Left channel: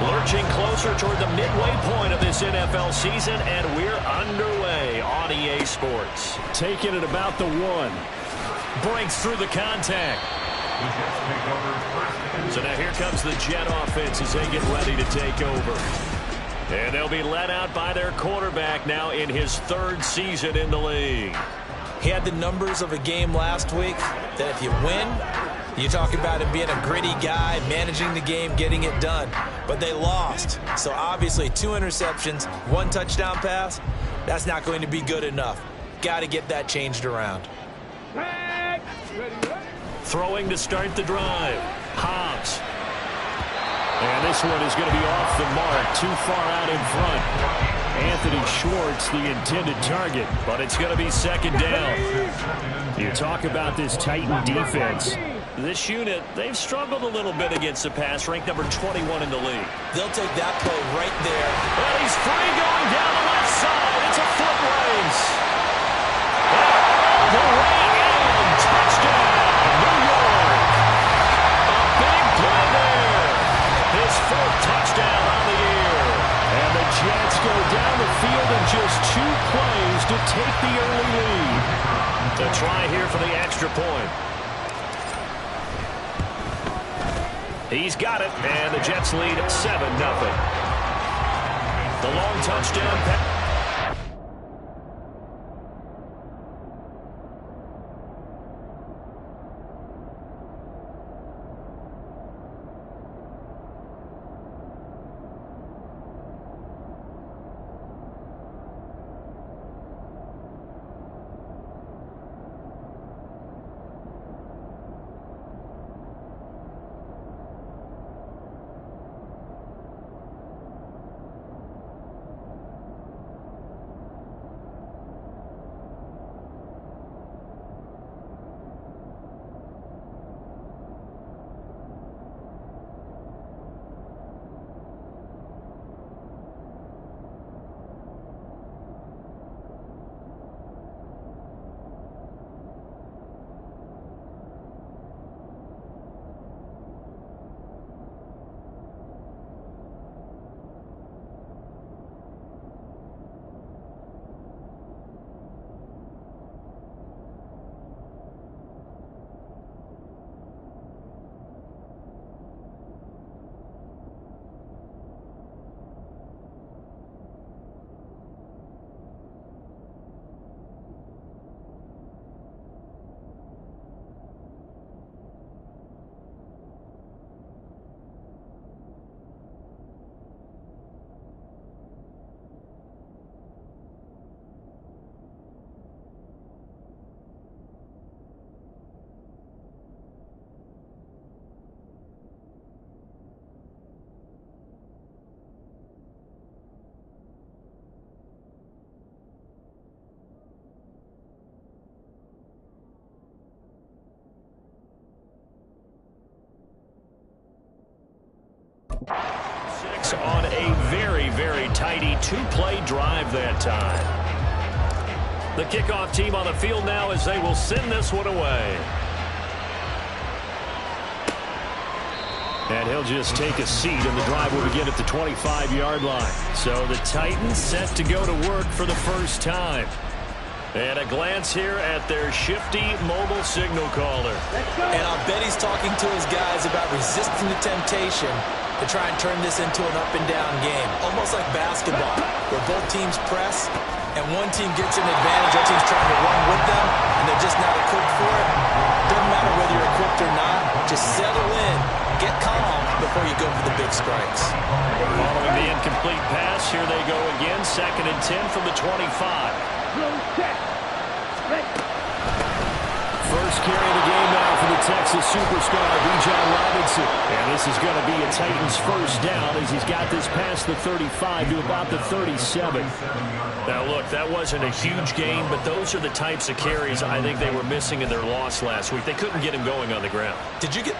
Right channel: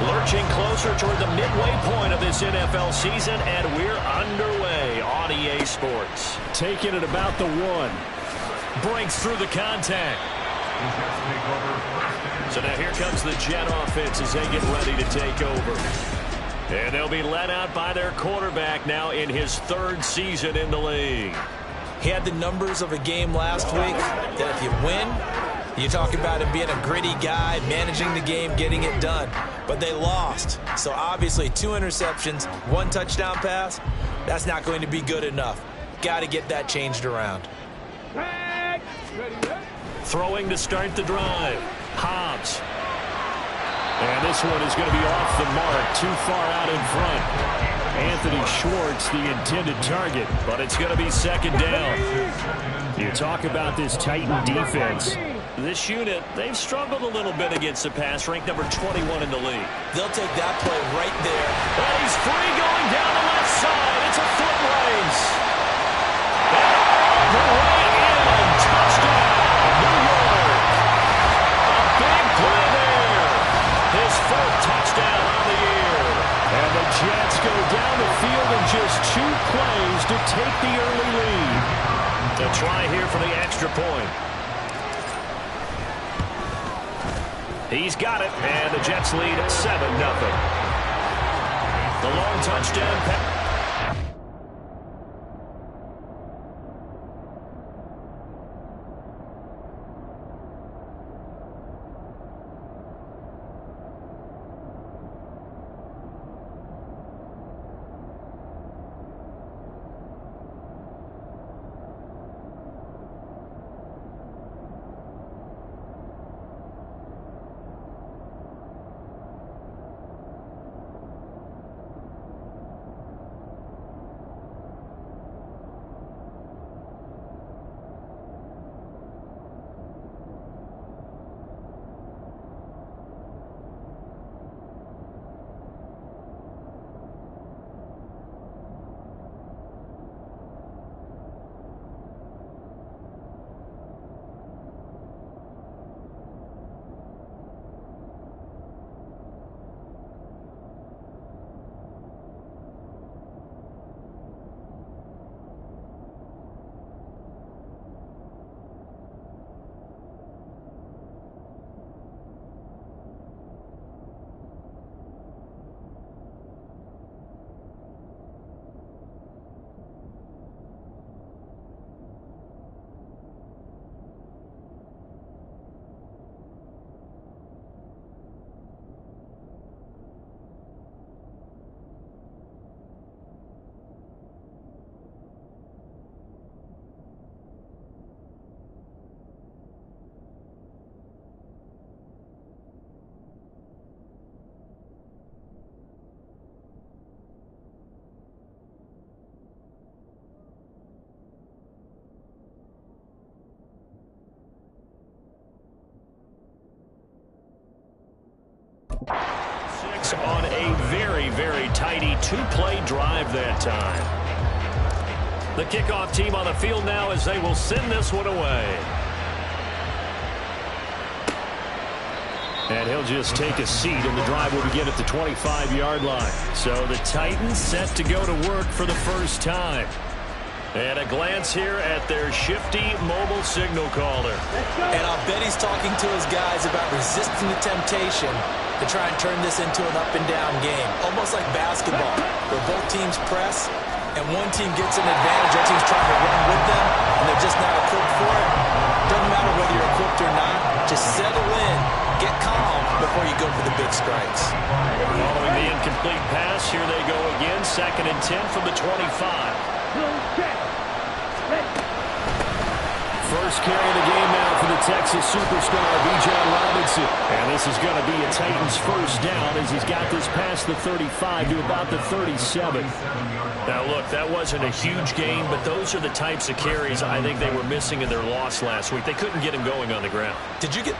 Lurching closer toward the midway point of this NFL season, and we're underway on EA Sports. Taking it about the 1. Breaks through the contact. So now here comes the Jet offense as they get ready to take over. And they'll be led out by their quarterback now in his 3rd season in the league. He had the numbers of a game last week that if you win, you talk about him being a gritty guy, managing the game, getting it done. But they lost. So obviously 2 interceptions, 1 touchdown pass, that's not going to be good enough. Got to get that changed around. Throwing to start the drive. Hobbs. And this one is going to be off the mark, too far out in front. Anthony Schwartz, the intended target, but it's going to be 2nd down. You talk about this Titan defense. This unit, they've struggled a little bit against the pass, ranked number 21 in the league. They'll take that play right there. And he's free going down the left side. It's a foot race. And all the way in. Touchdown, New York. A big play there. His 4th touchdown on the year. And the Jets go down the field in just 2 plays to take the early lead. A try here for the extra point. He's got it, and the Jets lead 7-0. The long touchdown pass. Six on a very, very tidy 2-play drive that time. The kickoff team on the field now as they will send this one away. And he'll just take a seat, and the drive will begin at the 25-yard line. So the Titans set to go to work for the first time. And a glance here at their shifty mobile signal caller. And I'll bet he's talking to his guys about resisting the temptation to try and turn this into an up-and-down game. Almost like basketball, where both teams press, and one team gets an advantage, other team's trying to run with them, and they're just not equipped for it. Doesn't matter whether you're equipped or not. Just settle in, get calm before you go for the big strikes. Following the incomplete pass, here they go again. 2nd and 10 from the 25. First carry of the game now for the Texas superstar, Bijan Robinson. And this is going to be a Titans first down as he's got this past the 35 to about the 37. Now, look, that wasn't a huge gain, but those are the types of carries I think they were missing in their loss last week. They couldn't get him going on the ground. Did you get...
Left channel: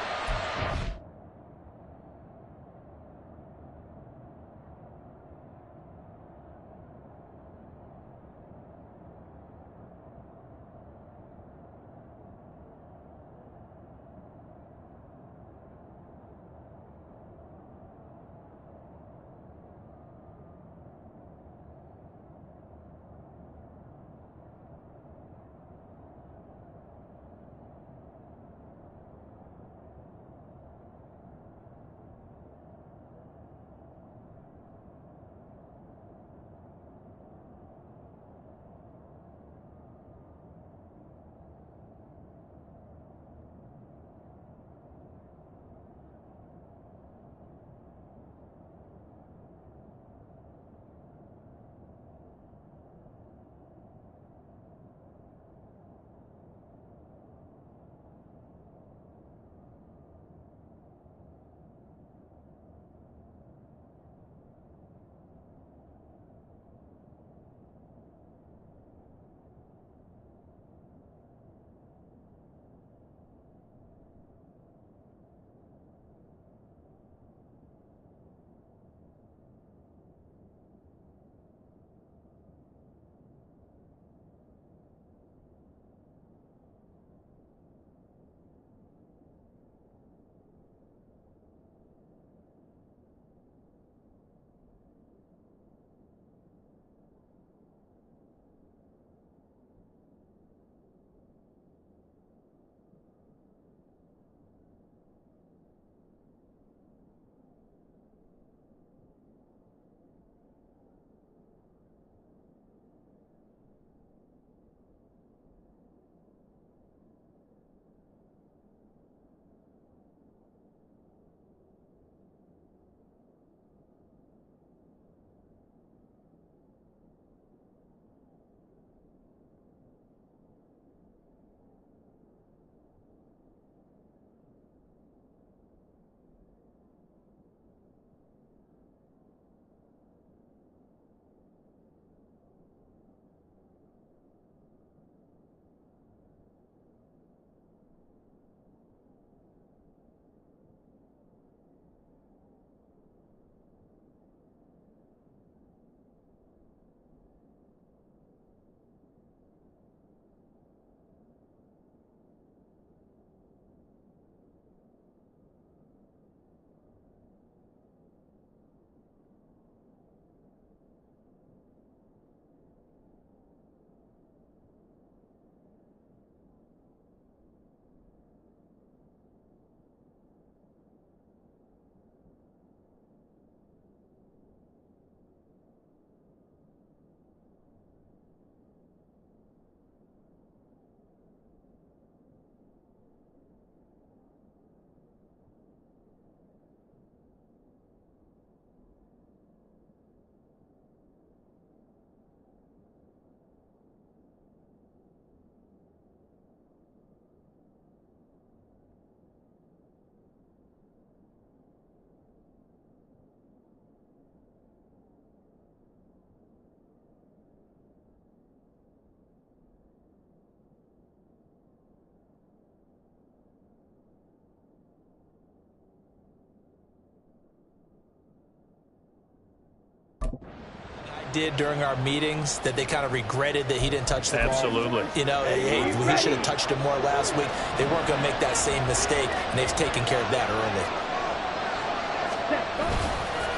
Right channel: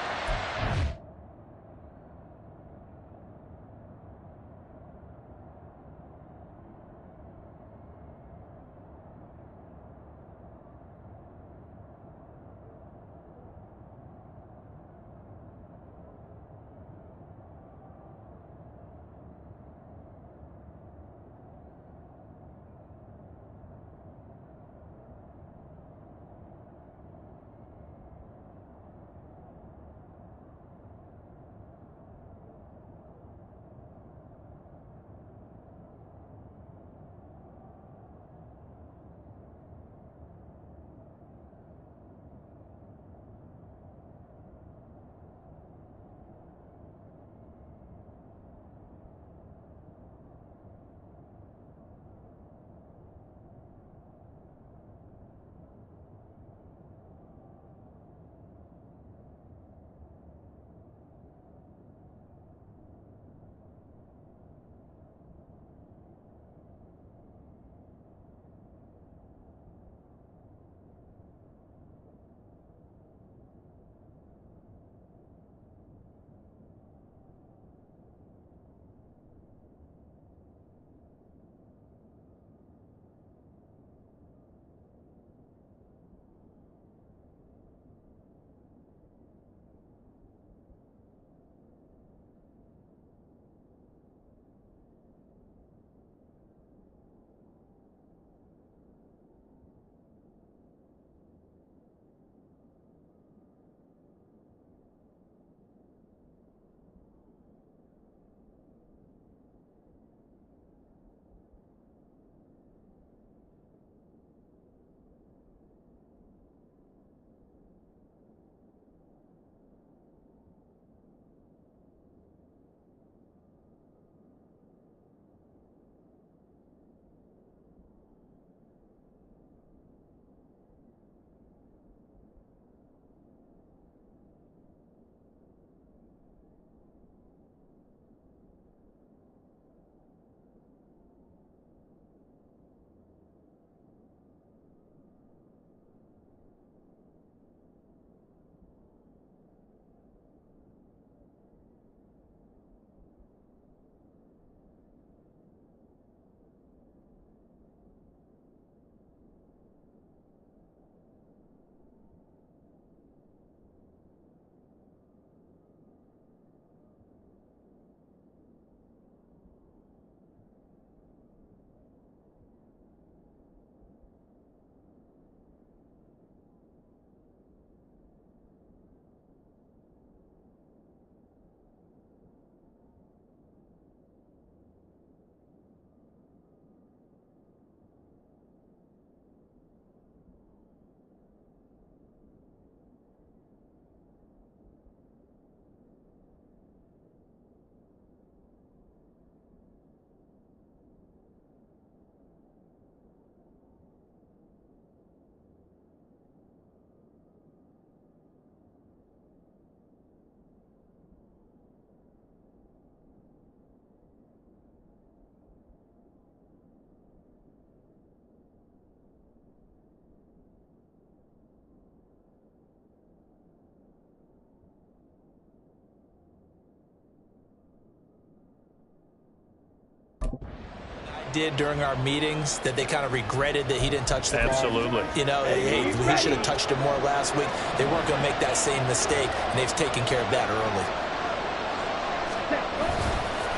did during our meetings that they kind of regretted that he didn't touch the ball? Absolutely. You know, hey, he should have touched it more last week. They weren't going to make that same mistake, and they've taken care of that early.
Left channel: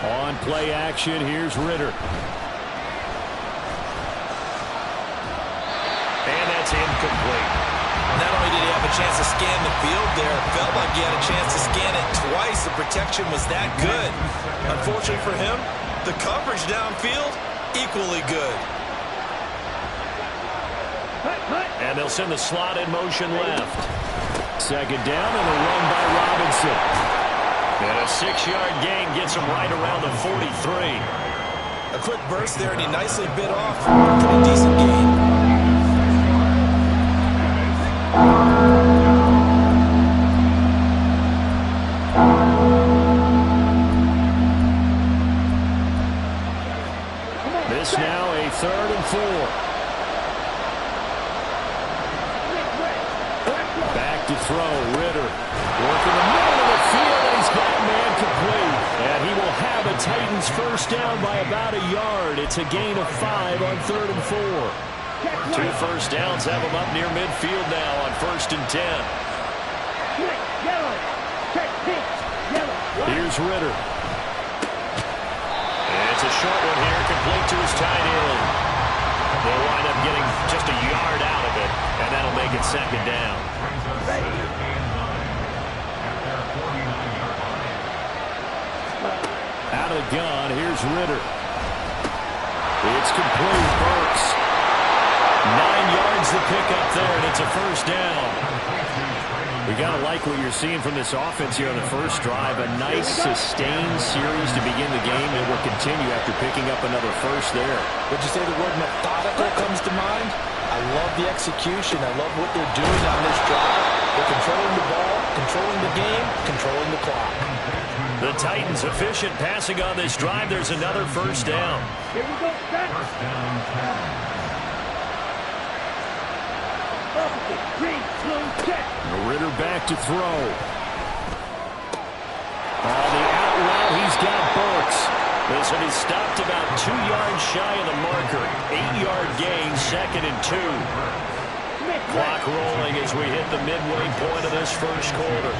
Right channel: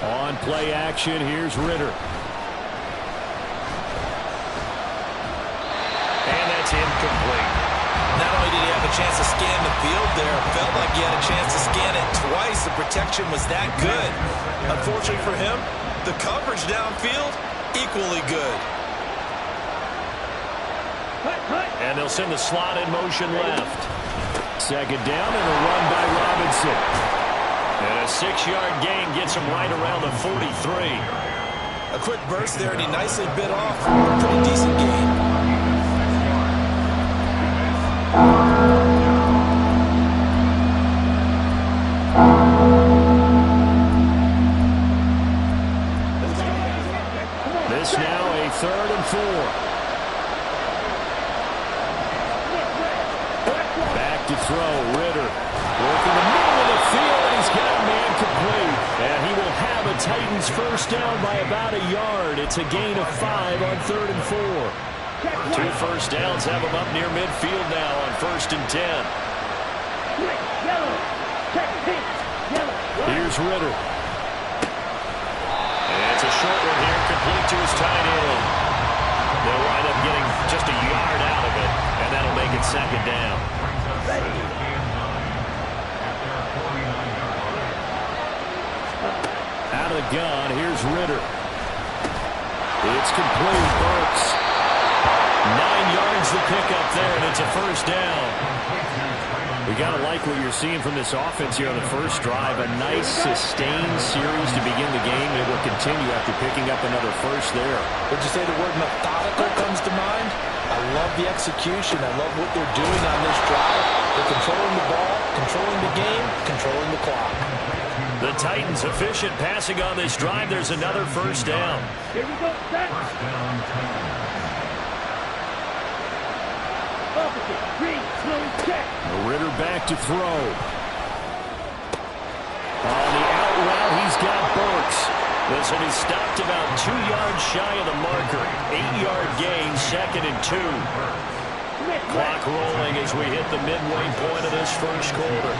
On play action, here's Ritter. And that's incomplete. Not only did he have a chance to scan the field there, it felt like he had a chance to scan it twice. The protection was that good. Unfortunately for him, the coverage downfield, equally good. And they'll send the slot in motion left. Second down and a run by Robinson. And a 6-yard gain gets him right around the 43. A quick burst there, and he nicely bit off a pretty decent gain. This now a 3rd and 4. Back to throw, Ritter. Working the middle of the field, and he's got a man complete. And he will have a Titans first down by about a yard. It's a gain of 5 on 3rd and 4. 2 first downs have him up near midfield now on 1st and 10. Here's Ritter. It's a short one here, complete to his tight end. They'll wind up getting just a yard out of it, and that'll make it 2nd down. Out of the gun, here's Ritter. It's complete, Burks. 9 yards the pickup there, and it's a first down. We got to like what you're seeing from this offense here on the first drive. A nice, sustained series to begin the game. It will continue after picking up another first there. Would you say the word methodical comes to mind? I love the execution. I love what they're doing on this drive. They're controlling the ball, controlling the game, controlling the clock. The Titans efficient passing on this drive. There's another first down. Here we go, set. First down, 10. Opposite, 3, 2, check. Ritter back to throw. On the out route, he's got Burks. This will be stopped about 2 yards shy of the marker. 8-yard gain, 2nd and 2. Clock rolling as we hit the midway point of this first quarter.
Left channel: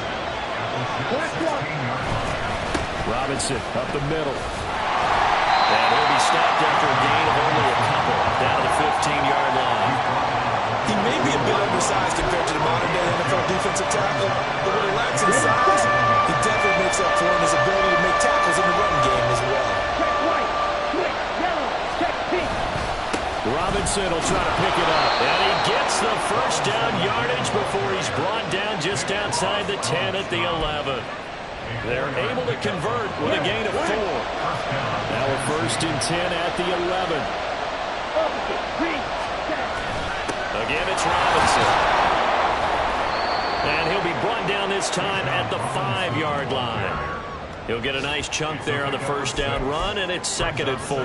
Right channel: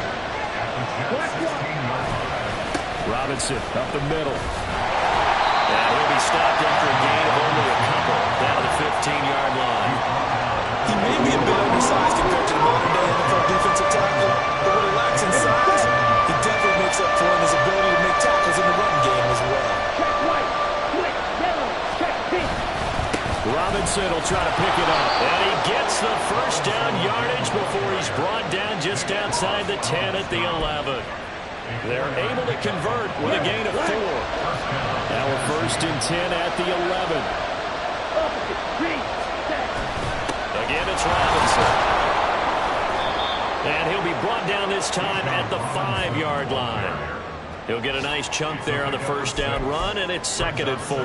Robinson up the middle. And he'll be stopped after a gain of only a couple down to the 15-yard line. He may be a bit undersized compared to the modern-day NFL defensive tackle, but what he lacks in size, he definitely makes up for in his ability to make tackles in the run game as well. Check white, switch yellow, check pink. Robinson will try to pick it up, and he gets the first down yardage before he's brought down just outside the 10 at the 11. They're able to convert with a gain of 4. Now we're 1st and 10 at the 11. Opposite, 3, set. Again, it's Robinson. And he'll be brought down this time at the 5-yard line. He'll get a nice chunk there on the first down run, and it's 2nd and 4.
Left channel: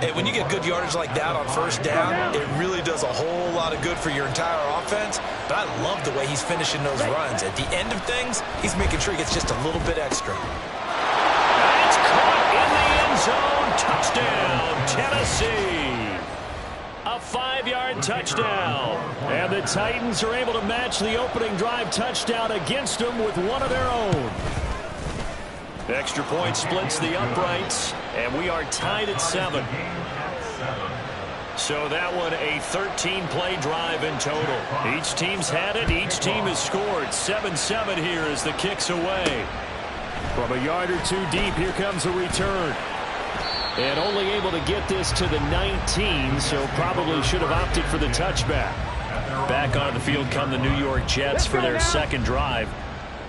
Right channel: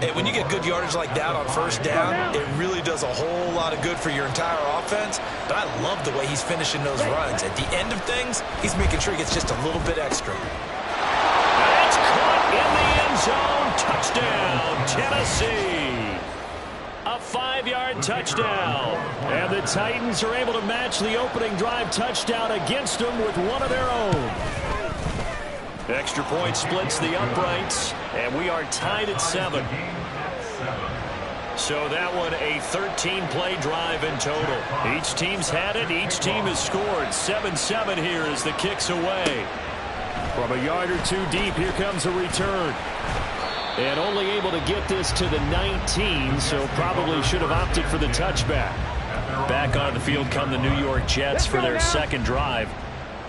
Hey, when you get good yardage like that on first down, it really does a whole lot of good for your entire offense. But I love the way he's finishing those runs. At the end of things, he's making sure he gets just a little bit extra. And it's caught in the end zone. Touchdown, Tennessee. A 5-yard touchdown. And the Titans are able to match the opening drive touchdown against them with one of their own. Extra point splits the uprights, and we are tied at 7. So that one a 13-play drive in total. Each team's had it. Each team has scored. 7-7 here as the kick's away. From a yard or 2 deep, here comes a return. And only able to get this to the 19, so probably should have opted for the touchback. Back onto the field come the New York Jets for their second drive.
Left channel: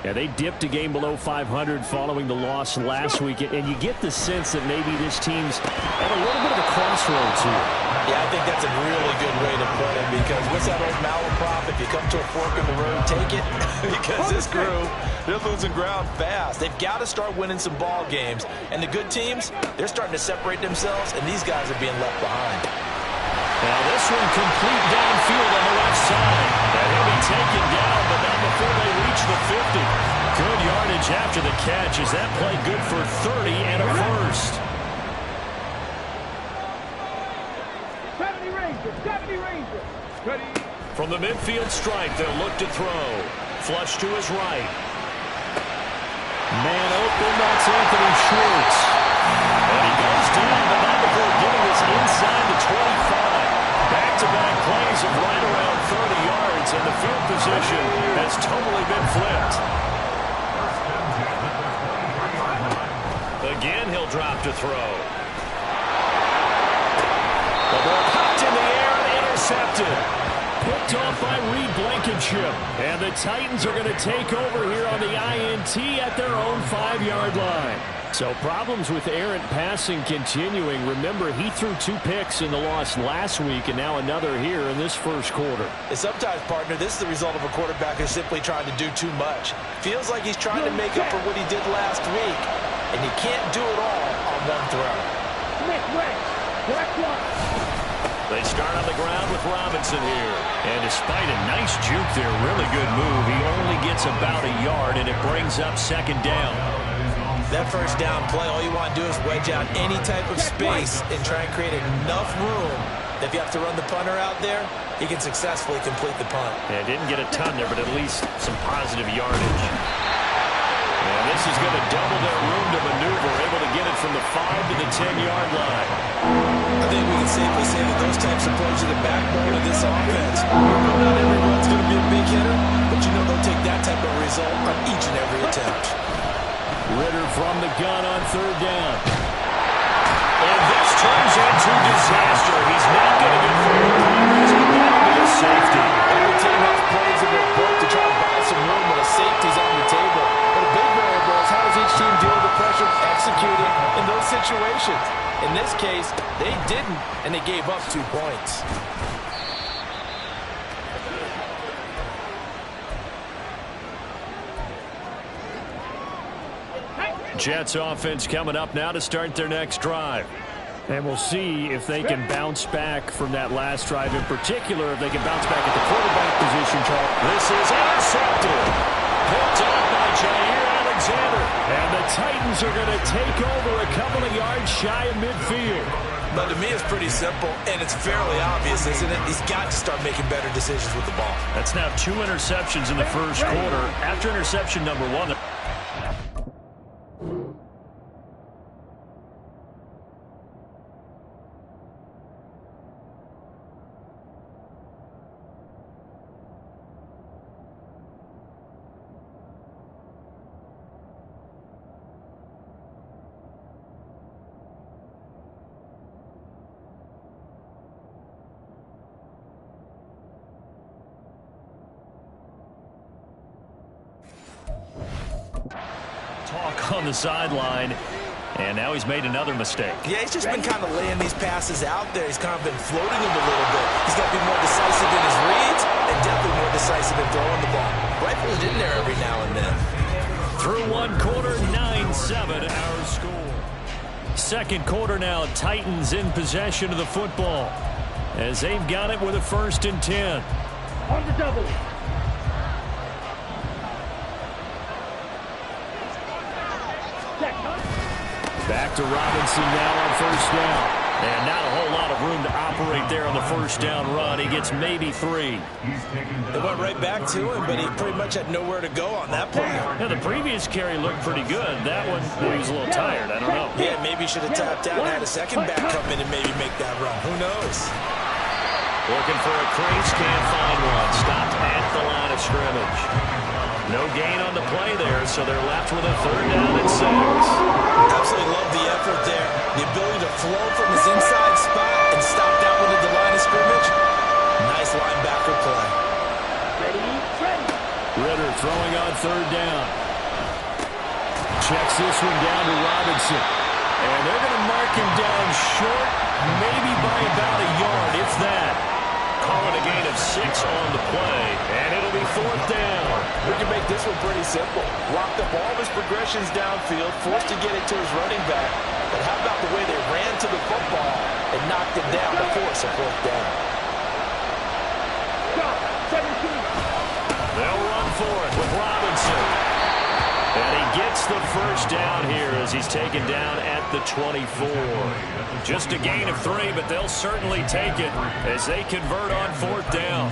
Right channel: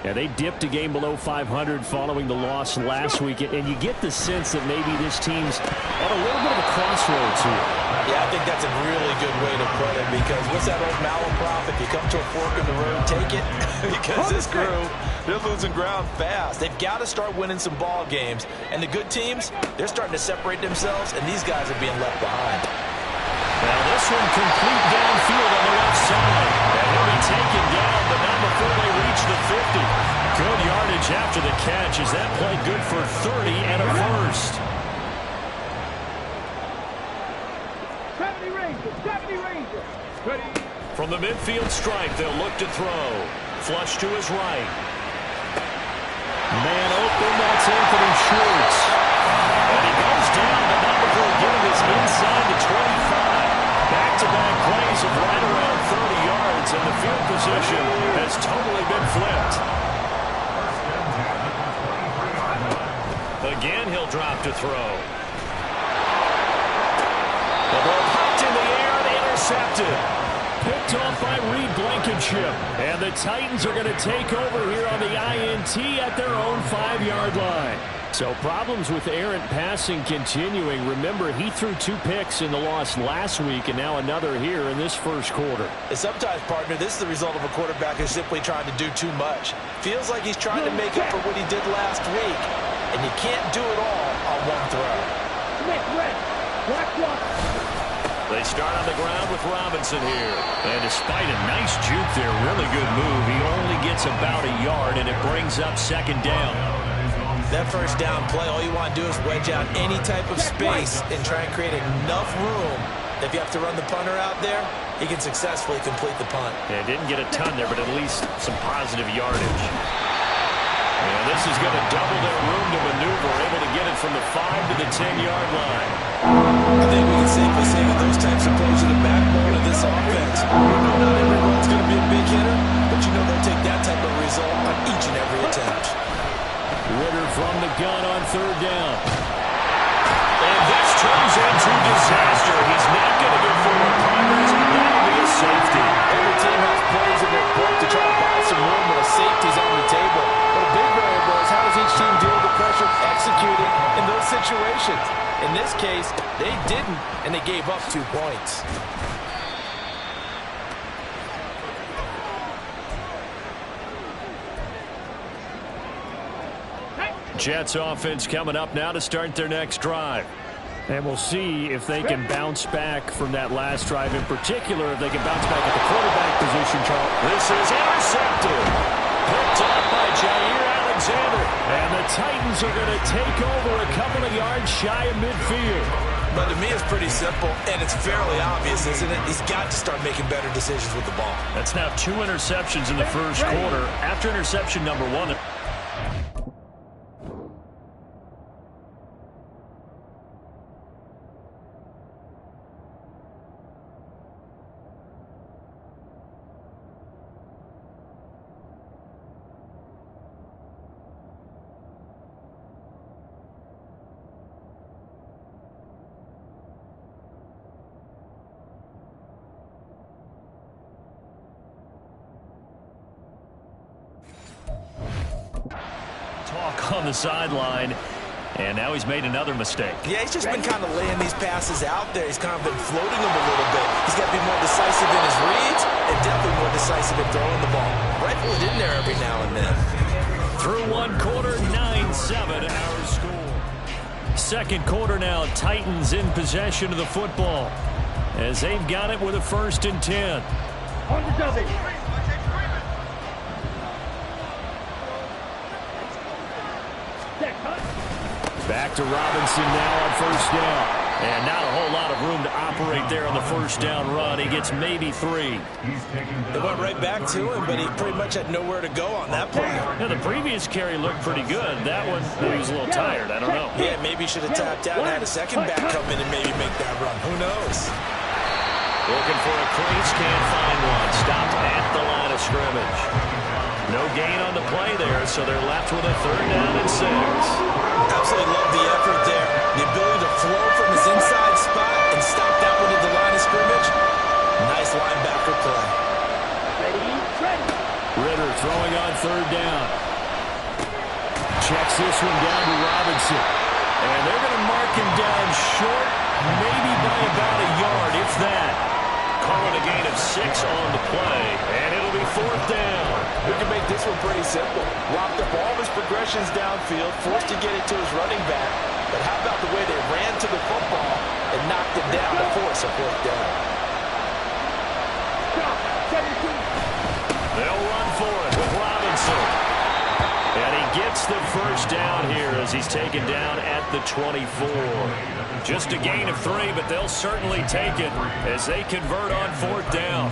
Yeah, they dipped a game below 500 following the loss last week, and you get the sense that maybe this team's at a little bit of a crossroads here. Yeah, I think that's a really good way to put it, because what's that old malaprop? If you come to a fork in the road, take it. Because this crew, they're losing ground fast. They've got to start winning some ball games. And the good teams, they're starting to separate themselves, and these guys are being left behind. Now this one complete downfield on the left side. And he'll be taken down, but not before they reach the 50. Good yardage after the catch as that play good for 30 and a first. Ranger, 70 Ranger. Ready. From the midfield stripe, they'll look to throw. Flush to his right. Man open, that's Anthony Schwartz. And he goes down, but not before getting this inside the 25. Back-to-back plays of right around 30 yards, and the field position has totally been flipped. Again, he'll drop to throw. The ball popped in the air and intercepted. Picked off by Reed Blankenship. And the Titans are going to take over here on the INT at their own 5-yard line. So problems with errant passing continuing. Remember, he threw 2 picks in the loss last week and now another here in this first quarter. And sometimes, partner, this is the result of a quarterback who's simply trying to do too much. Feels like he's trying to make up for what he did last week. And he can't do it all on one throw. Smith, red. Black one. They start on the ground with Robinson here. And despite a nice juke there, really good move, he only gets about a yard, and it brings up second down. That first down play, all you want to do is wedge out any type of space and try and create enough room. If you have to run the punter out there, he can successfully complete the punt. Yeah, didn't get a ton there, but at least some positive yardage. And this is going to double their room to maneuver, able to get it from the 5 to the 10-yard line. I think we can safely say that those types of plays are the backbone of this offense. You know not every run's going to be a big hitter, but you know they'll take that type of result on each and every attempt. Ritter from the gun on third down. And this turns into disaster. He's not going to get forward progress, but that'll be a safety. Every team has plays in their book to try to buy some room when a safety's on the table. But a big variable is how does each team deal with the pressure of executing in those situations. In this case, they didn't, and they gave up 2 points. Jets offense coming up now to start their next drive. And we'll see if they can bounce back from that last drive. In particular, if they can bounce back at the quarterback position, Charles. This is intercepted. Picked up by Jair Alexander. And the Titans are going to take over a couple of yards shy of midfield. But to me, it's pretty simple, and it's fairly obvious, isn't it? He's got to start making better decisions with the ball. That's now 2 interceptions in the first quarter. After interception number 1, talk on the sideline, and now he's made another mistake. Yeah, he's just been kind of laying these passes out there. He's kind of been floating them a little bit. He's got to be more decisive in his reads and definitely more decisive in throwing the ball. Rifle it in there every now and then. Through 1 quarter, 9-7 our score. Second quarter now, Titans in possession of the football as they've got it with a 1st and 10. On the double. Back to Robinson now on 1st down. And not a whole lot of room to operate there on the 1st down run. He gets maybe 3. They went right back to him, but he pretty much had nowhere to go on that play. Yeah, the previous carry looked pretty good. That one, he was a little tired. I don't know. Yeah, maybe he should have tapped out and had a second back come in and maybe make that run. Who knows? Looking for a crease, can't find one. Stopped at the line of scrimmage. No gain on the play there, so they're left with a 3rd down and 6. Absolutely love the effort there. The ability to flow from his inside spot and stop that one at the line of scrimmage. Nice linebacker play. Ready, ready. Ritter throwing on 3rd down. Checks this one down to Robinson. And they're going to mark him down short, maybe by about a yard, if that. Calling a gain of 6 on the play, and it'll be 4th down. We can make this one pretty simple. Locked up all of his progressions downfield, forced to get it to his running back. But how about the way they ran to the football and knocked it down to force a 4th down? Stop, 17. They'll run for it with Robinson. And he gets the first down here as he's taken down at the 24. Just a gain of 3, but they'll certainly take it as they convert on 4th down.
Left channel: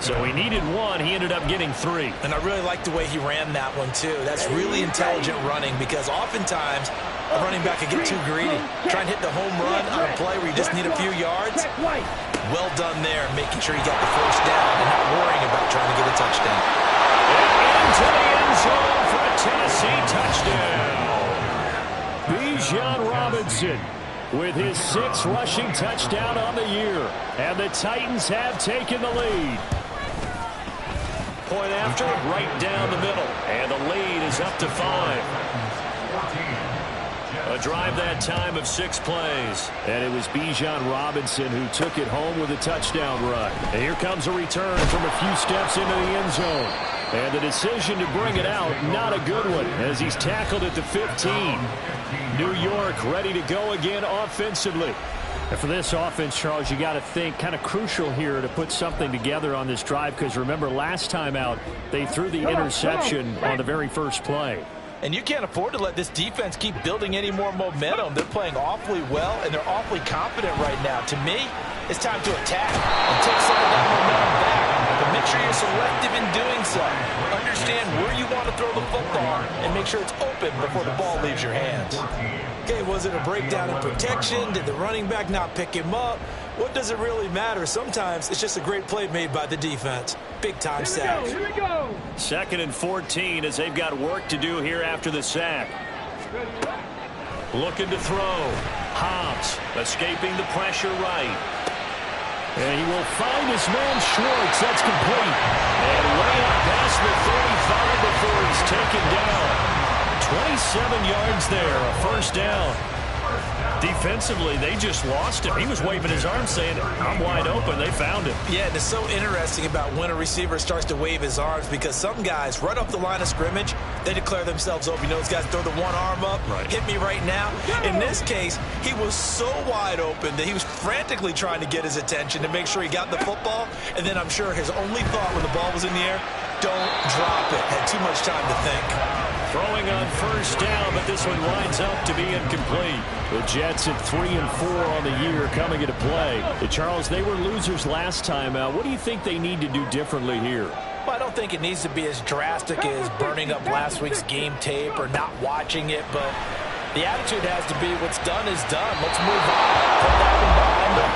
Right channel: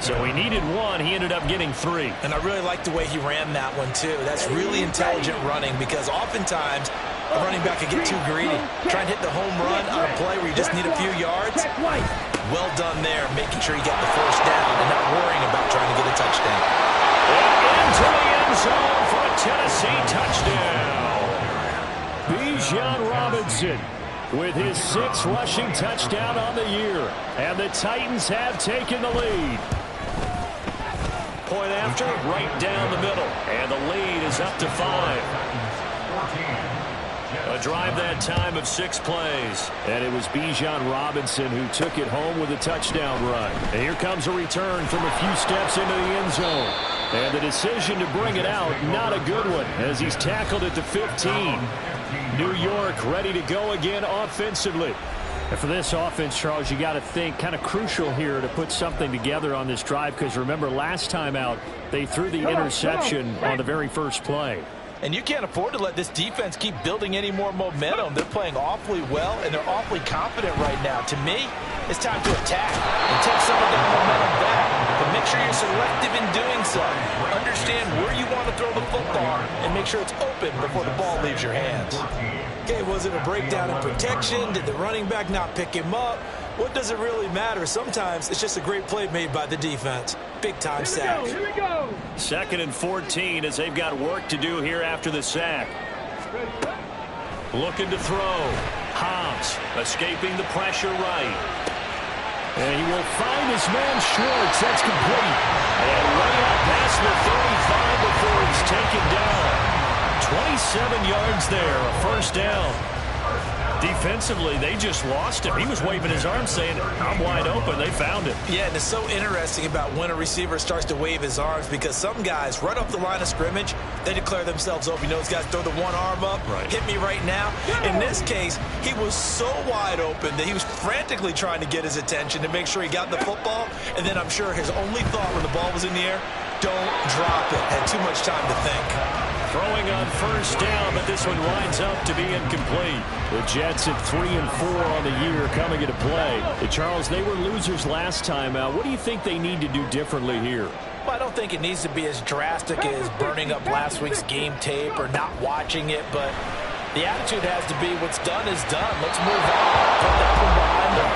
So he needed 1. He ended up getting 3. And I really like the way he ran that one, too. That's really intelligent running because oftentimes a running back can get too greedy. Try and hit the home run on a play where you just need a few yards. Well done there, making sure you got the first down and not worrying about trying to get a touchdown. And into the end zone for a Tennessee touchdown. Bijan Robinson with his 6th rushing touchdown on the year. And the Titans have taken the lead. Point after, right down the middle. And the lead is up to 5. A drive that time of 6 plays. And it was Bijan Robinson who took it home with a touchdown run. And here comes a return from a few steps into the end zone. And the decision to bring it out, not a good one, as he's tackled at the 15. New York ready to go again offensively. And for this offense, Charles, you got to think kind of crucial here to put something together on this drive, because remember last time out they threw the interception on the very first play. And you can't afford to let this defense keep building any more momentum. They're playing awfully well, and they're awfully confident right now. To me, it's time to attack and take some of that momentum back. But make sure you're selective in doing so. Understand where you want to throw the football and make sure it's open before the ball leaves your hands. Okay, was it a breakdown in protection? Did the running back not pick him up? What does it really matter? Sometimes it's just a great play made by the defense. Big-time sack. Here we go. 2nd and 14 as they've got work to do here after the sack. Looking to throw. Hobbs escaping the pressure right. And he will find his man Schwartz. That's complete. And way up past the 35 before he's taken down. 27 yards there, a first down. Defensively, they just lost him. He was waving his arms saying, I'm wide open. They found him. Yeah, and it's so interesting about when a receiver starts to wave his arms, because some guys, right off the line of scrimmage, they declare themselves open. You know, those guys throw the one arm up, hit me right now. In this case, he was so wide open that he was frantically trying to get his attention to make sure he got the football. And then I'm sure his only thought when the ball was in the air, don't drop it. Had too much time to think. Throwing on first down, but this one winds up to be incomplete. The Jets at 3 and 4 on the year coming into play. Charles, they were losers last time out. What do you think they need to do differently here? Well, I don't think it needs to be as drastic as burning up last week's game tape or not watching it, but the attitude has to be what's done is done. Let's move on. Put that one behind them,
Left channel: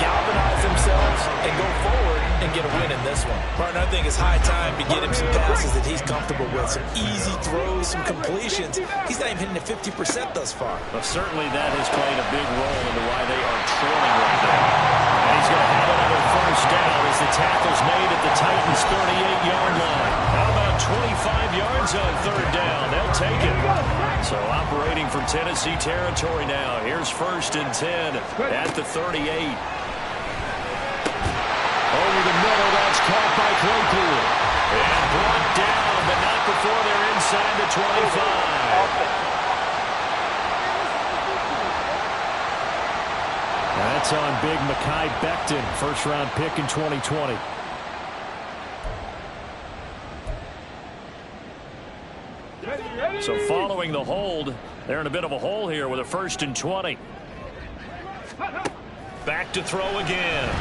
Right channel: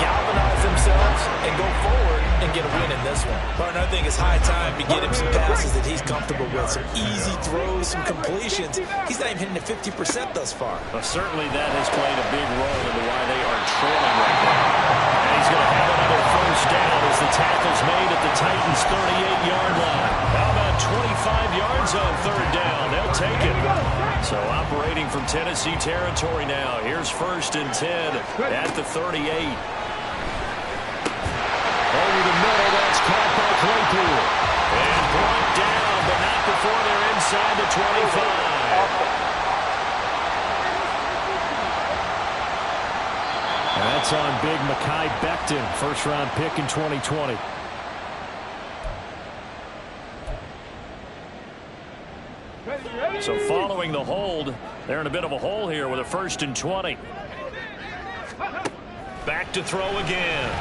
galvanize themselves, and go forward and get a win in this one. Martin, I think it's high time to get him some passes that he's comfortable with, some easy throws, some completions. He's not even hitting at 50% thus far. Well, certainly that has played a big role into why they are trailing right now. And he's going to have another first down as the tackle's made at the Titans' 38-yard line. How about 25 yards on 3rd down? They'll take it. So operating from Tennessee territory now. Here's 1st and 10 at the 38. Over the middle, that's caught by Claypool. And brought down, but not before they're inside the 25. That's on big Mekhi Becton, first-round pick in 2020. So following the hold, they're in a bit of a hole here with a 1st and 20. Back to throw again.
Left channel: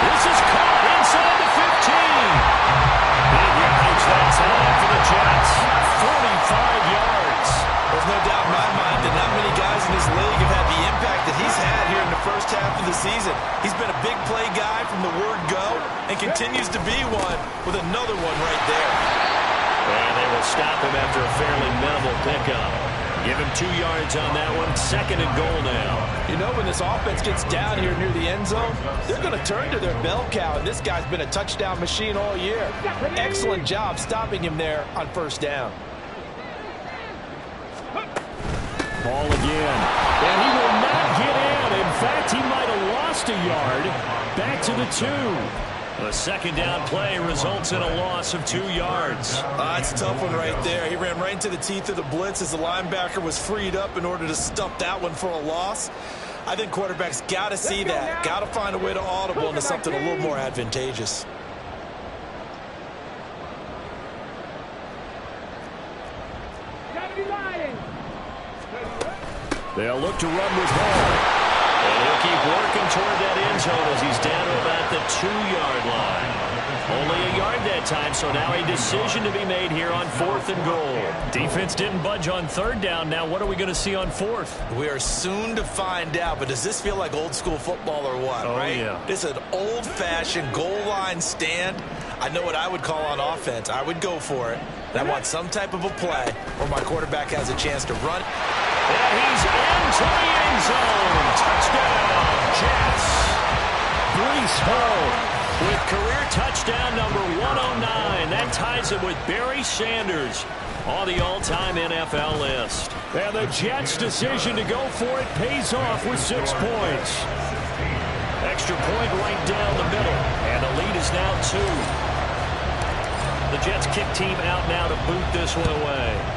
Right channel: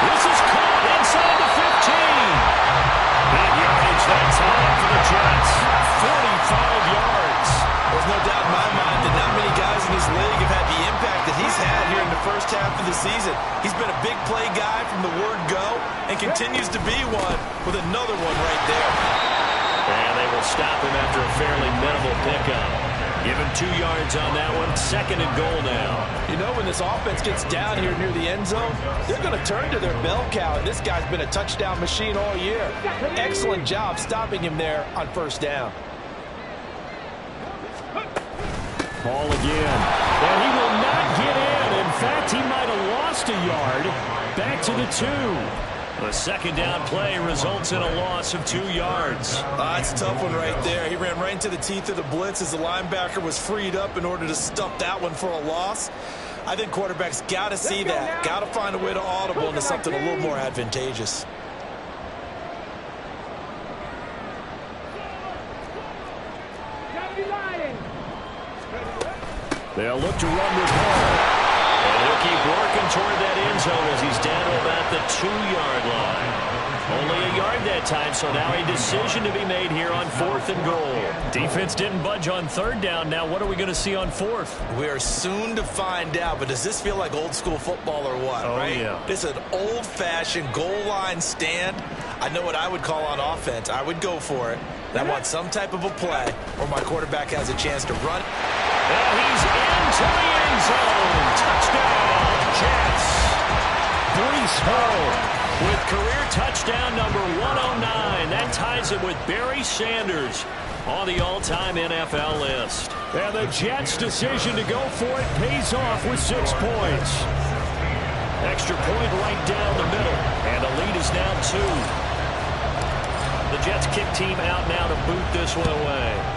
This is caught inside the 15. Big yardage that time for the Jets. 45 yards. There's no doubt in my mind that not many guys in this league have had the impact that he's had here in the first half of the season. He's been a big play guy from the word go and continues to be one with another one right there. And they will stop him after a fairly minimal pickup. Give him 2 yards on that one. 2nd and goal now. You know, when this offense gets down here near the end zone, they're going to turn to their bell cow, and this guy's been a touchdown machine all year. Excellent job stopping him there on 1st down. Ball again. And he will not get in. In fact, he might have lost a yard. Back to the 2. The 2nd down play results in a loss of 2 yards. That's a tough one right there. He ran right into the teeth of the blitz as the linebacker was freed up in order to stuff that one for a loss. I think quarterbacks got to see that. Got to find a way to audible into something a little more advantageous. They'll look to run with Hall. And he'll keep working toward that end zone as he's down to about the 2-yard line. Only a yard that time, so now a decision to be made here on 4th and goal. Defense didn't budge on 3rd down. Now what are we going to see on 4th? We are soon to find out, but does this feel like old school football or what, right? Yeah. This is an old-fashioned goal line stand. I know what I would call on offense. I would go for it. And I want some type of a play where my quarterback has a chance to run. And he's into the end zone. Touchdown, Jets. Breece Hall with career touchdown number 109. That ties him with Barry Sanders on the all-time NFL list. And the Jets' decision to go for it pays off with 6 points. Extra point right down the middle. And the lead is now 2. The Jets kick team out now to boot this one away.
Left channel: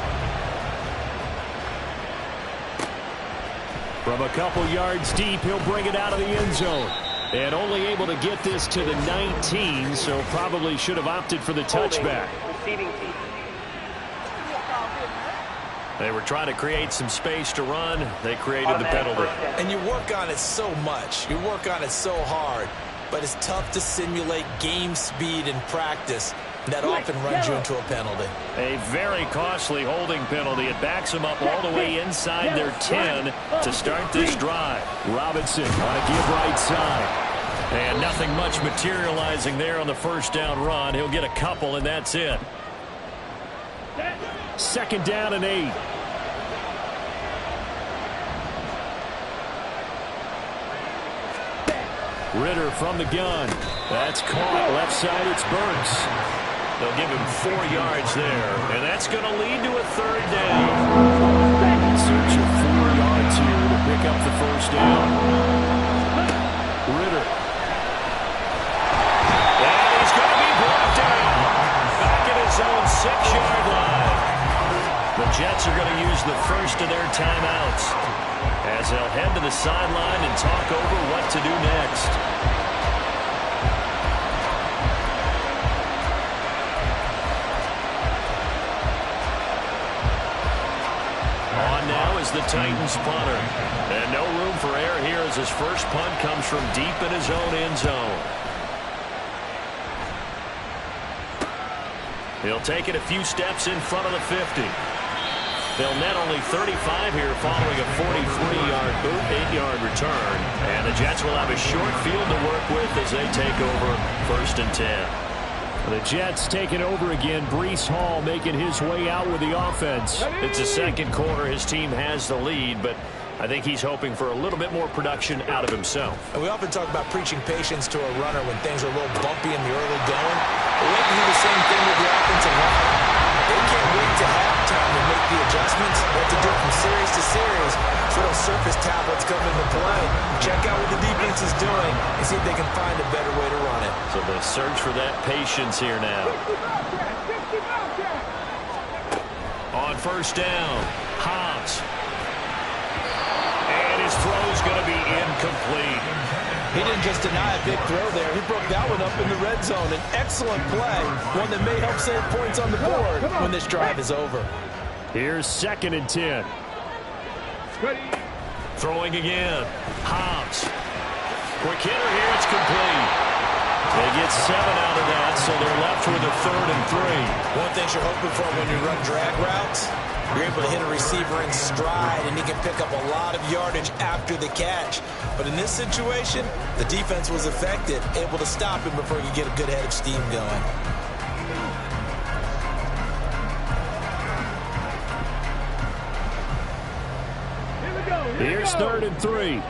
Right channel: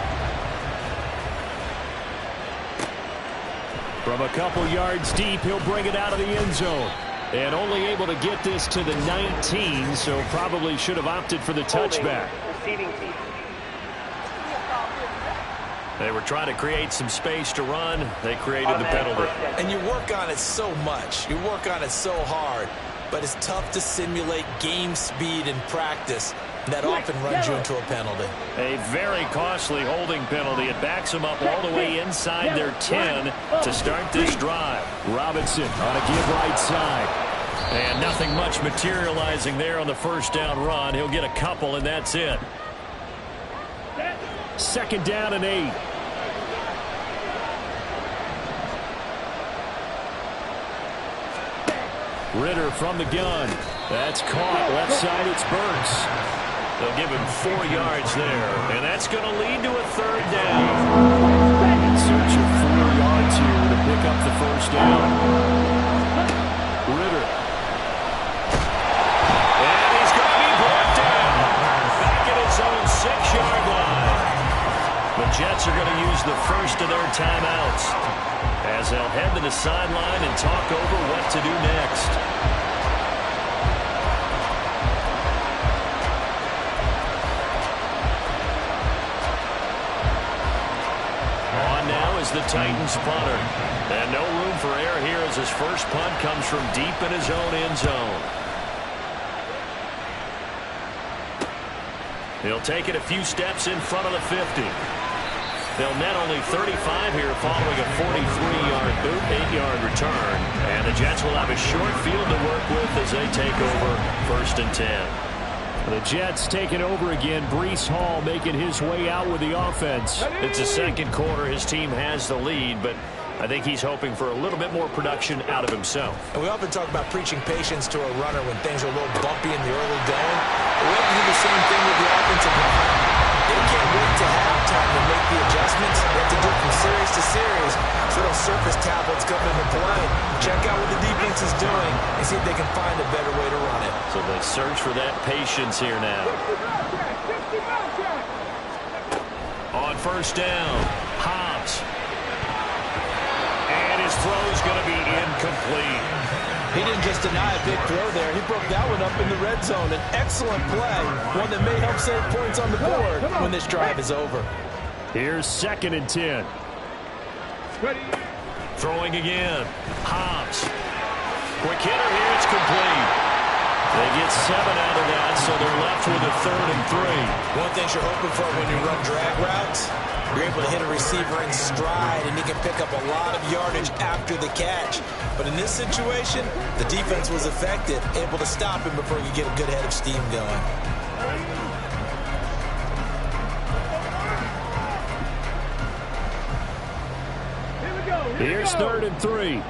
From a couple yards deep, he'll bring it out of the end zone. And only able to get this to the 19, so probably should have opted for the touchback. They were trying to create some space to run. They created the penalty. And you work on it so much. You work on it so hard. But it's tough to simulate game speed in practice. That often runs you into a penalty. A very costly holding penalty. It backs them up all the way inside their 10 to start this drive. Robinson on a give right side. And nothing much materializing there on the first down run. He'll get a couple, and that's it. 2nd down and 8. Ritter from the gun. That's caught. Left side, it's Burks. They'll give him 4 yards there, and that's going to lead to a 3rd down. In search of 4 yards here to pick up the first down. Ritter. And he's going to be brought down. Back at his own 6-yard line. The Jets are going to use the first of their timeouts as they'll head to the sideline and talk over what to do next. On now is the Titans punter. And no room for error here as his first punt comes from deep in his own end zone. He'll take it a few steps in front of the 50. They'll net only 35 here following a 43-yard boot, 8-yard return. And the Jets will have a short field to work with as they take over 1st and 10. The Jets taking over again. Breece Hall making his way out with the offense. It's the second quarter. His team has the lead, but I think he's hoping for a little bit more production out of himself. And we often talk about preaching patience to a runner when things are a little bumpy in the early going. But we have to do the same thing with the offensive line. They can't wait to halftime to make the adjustments. They have to do it from series to series. So those surface tablets come into play. Check out what the defense is doing and see if they can find a better way to run it. So they search for that patience here now. On first down, Hobbs. And his throw's going to be incomplete. He didn't just deny a big throw there. He broke that one up in the red zone. An excellent play, one that may help save points on the board when this drive is over. Here's 2nd and 10. Ready. Throwing again. Hobbs. Quick hitter here. It's complete. They get 7 out of that, so they're left with a 3rd and 3. One thing you're hoping for when you run drag routes, you're able to hit a receiver in stride, and he can pick up a lot of yardage after the catch. But in this situation, the defense was effective, able to stop him before he could get a good head of steam going. Here we go. Here's 3rd and 3.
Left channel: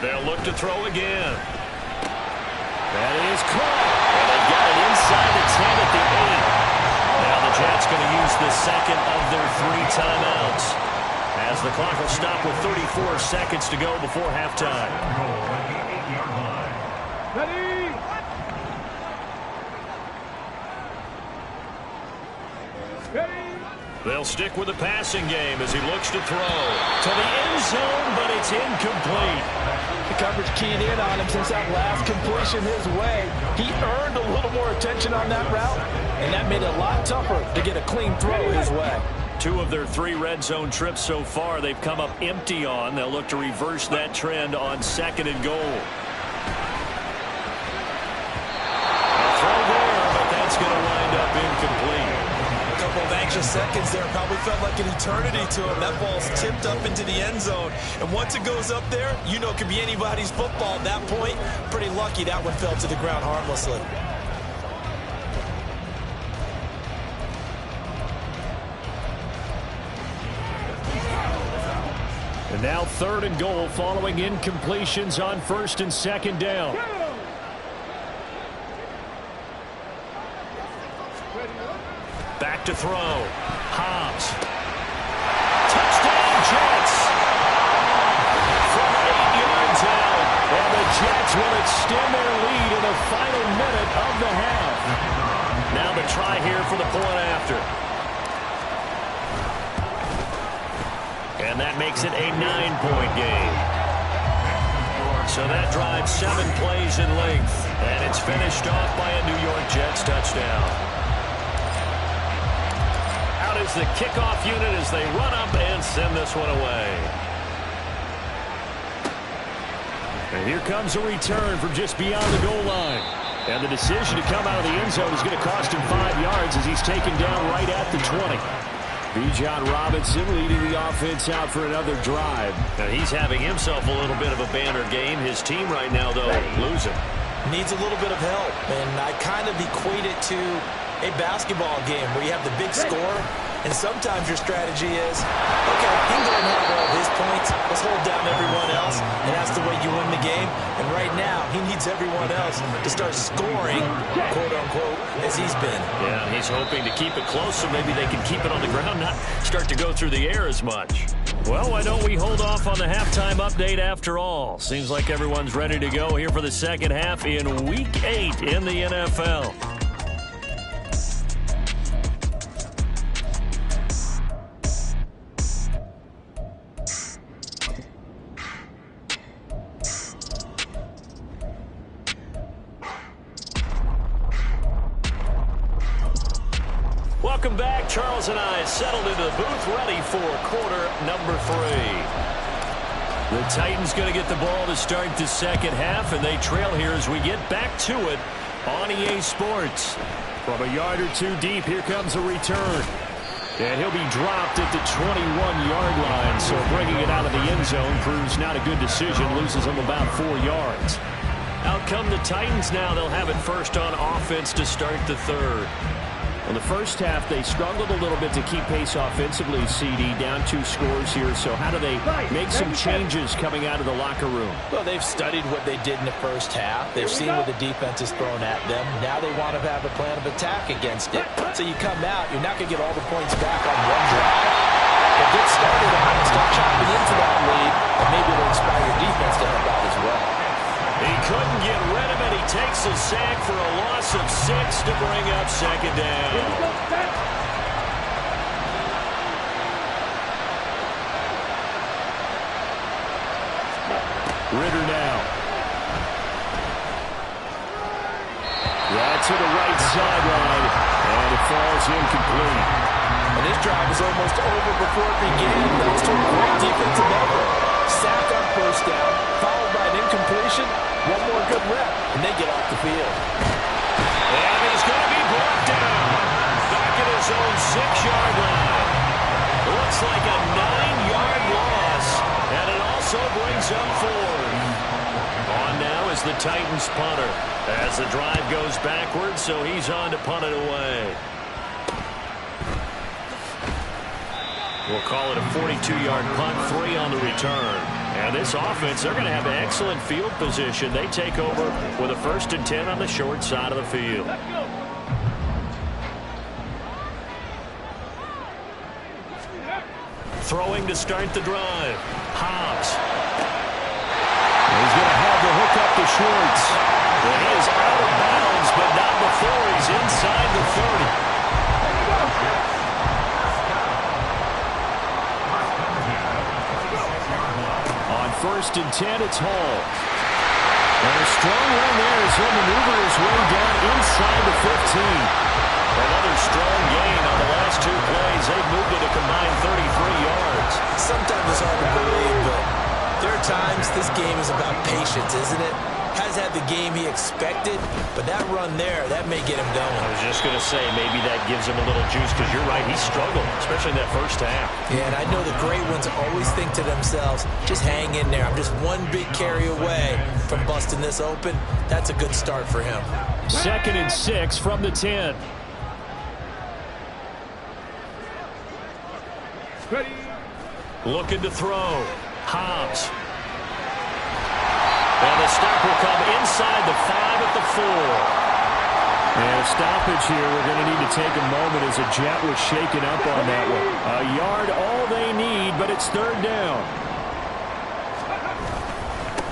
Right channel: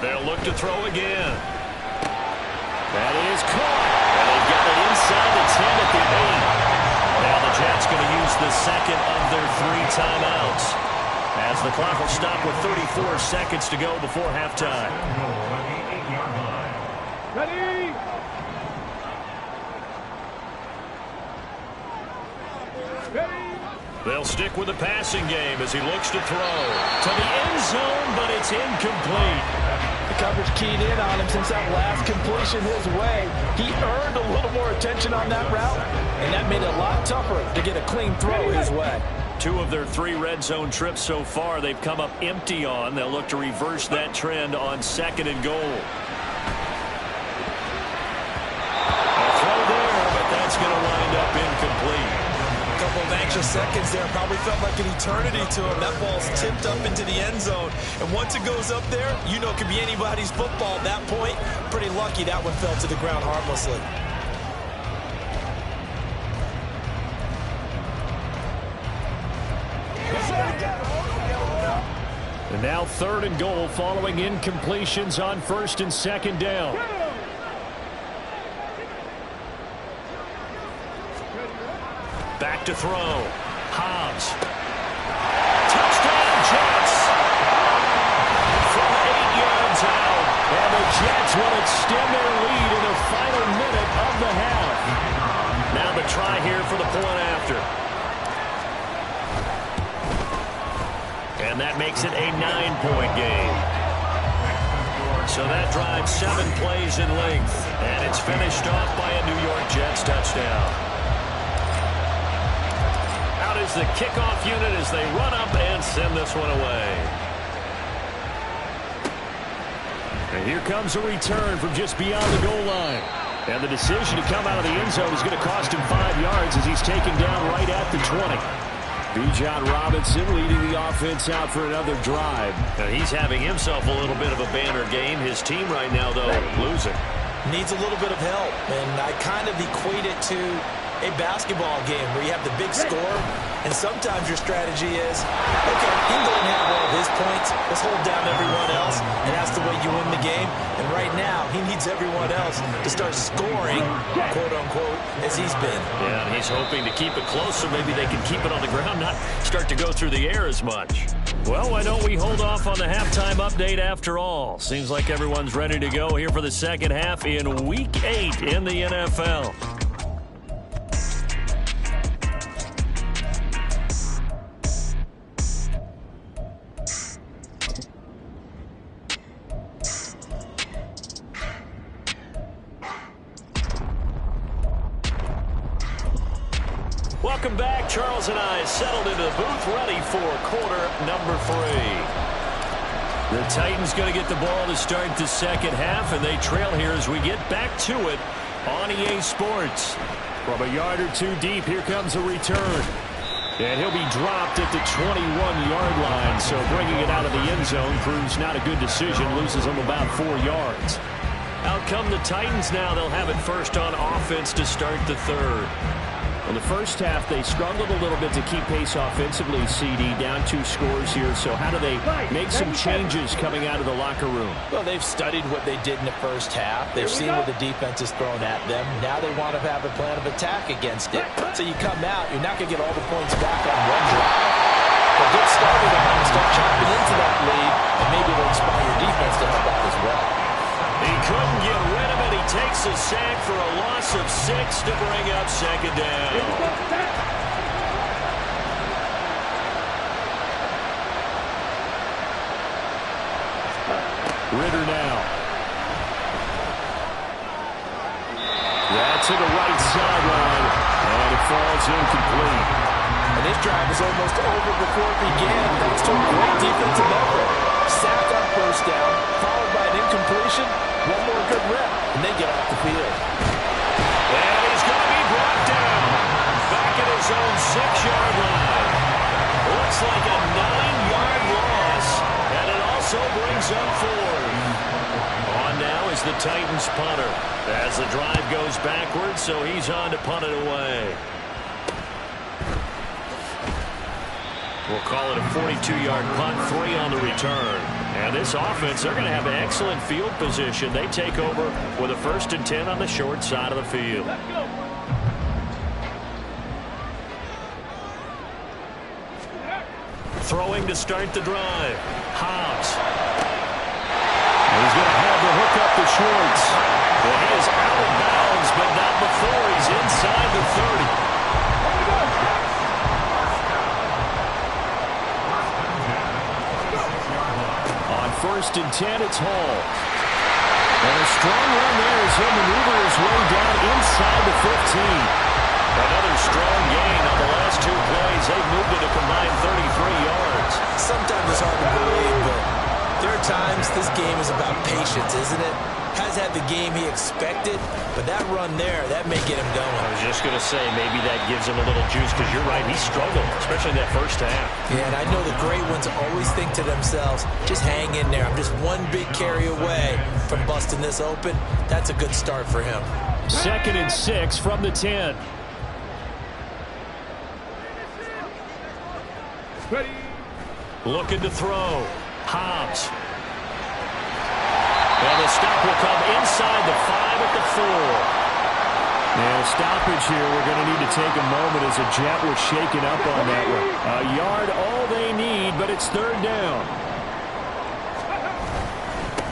They'll look to throw again. That is caught. And they got it inside the 10 at the 8. Now the Jets going to use the second of their 3 timeouts, as the clock will stop with 34 seconds to go before halftime. Ready. Ready. They'll stick with the passing game as he looks to throw. To the end zone, but it's incomplete. The coverage keyed in on him since that last completion his way. He earned a little more attention on that route, and that made it a lot tougher to get a clean throw his way. 2 of their 3 red zone trips so far they've come up empty on. They'll look to reverse that trend on 2nd and goal. A throw there, but that's going to wind up incomplete. A couple of anxious seconds there. Probably felt like an eternity to him. That ball's tipped up into the end zone. And once it goes up there, you know it could be anybody's football at that point. Pretty lucky that one fell to the ground harmlessly. And now 3rd and goal following incompletions on 1st and 2nd down. Back to throw. Hobbs. Touchdown, Jets. From 8 yards out. And the Jets will extend their lead in the final minute of the half. Now the try here for the point after. And that makes it a 9-point game. So that drives 7 plays in length. And it's finished off by a New York Jets touchdown. Out is the kickoff unit as they run up and send this one away. And here comes a return from just beyond the goal line. And the decision to come out of the end zone is going to cost him 5 yards as he's taken down right at the 20. Bijan Robinson leading the offense out for another drive. Now he's having himself a little bit of a banner game. His team right now, though, losing. Needs a little bit of help, and I kind of equate it to a basketball game where you have the big score, and sometimes your strategy is, okay, he can go and have all of his points. Let's hold down everyone else, and that's the way you win the game. And right now, he needs everyone else to start scoring, quote-unquote, as he's been. Yeah, and he's hoping to keep it close so maybe they can keep it on the ground, not start to go through the air as much. Well, why don't we hold off on the halftime update after all? Seems like everyone's ready to go here for the second half in Week 8 in the NFL. Welcome back. Charles and I settled into the booth, ready for quarter number 3. The Titans going to get the ball to start the second half, and they trail here as we get back to it on EA Sports. From a yard or 2 deep, here comes a return. And he'll be dropped at the 21-yard line, so bringing it out of the end zone proves not a good decision, loses him about 4 yards. Out come the Titans now. They'll have it first on offense to start the third. Well, the first half, they struggled a little bit to keep pace offensively, CD, down 2 scores here. So how do they make some changes coming out of the locker room? Well, they've studied what they did in the first half. They've seen what the defense is thrown at them. Now they want to have a plan of attack against it. So you come out, you're not going to get all the points back on one drive. But get started on it and start chopping into that lead, and maybe it'll inspire your defense to help out as well. He couldn't get rid of it. He takes a sack for a loss of 6 to bring up second down. Ritter now. That's to the right sideline, and it falls incomplete. And this drive was almost over before it began, thanks to a great defensive effort. Sack on first down, followed by an incompletion. One more good rep, and they get off the field. And he's going to be brought down. Back at his own 6-yard line. Looks like a 9-yard loss, and it also brings up 4. On now is the Titans punter as the drive goes backwards, so he's on to punt it away. We'll call it a 42-yard punt, 3 on the return. And this offense, they're going to have excellent field position. They take over with a 1st and 10 on the short side of the field. Throwing to start the drive. Hobbs. He's going to have to hook up the shorts. And he is out of bounds, but not before he's inside the 30. 1st and 10. It's Hall. And a strong run there as he'll maneuver his way down inside the 15. Another strong gain on the last 2 plays. They've moved it a combined 33 yards. Sometimes it's hard to believe, but there are times this game is about patience, isn't it? Has had the game he expected, but that run there, that may get him going. I was just going to say, maybe that gives him a little juice, because you're right, he struggled, especially in that first half. Yeah, and I know the great ones always think to themselves, just hang in there. I'm just one big carry away from busting this open. That's a good start for him. 2nd and 6 from the 10. Ready. Looking to throw. Hobbs. And the stop will come inside the 5 at the 4. And a stoppage here. We're going to need to take a moment as a Jet was shaken up on that one. A yard all they need, but it's 3rd down.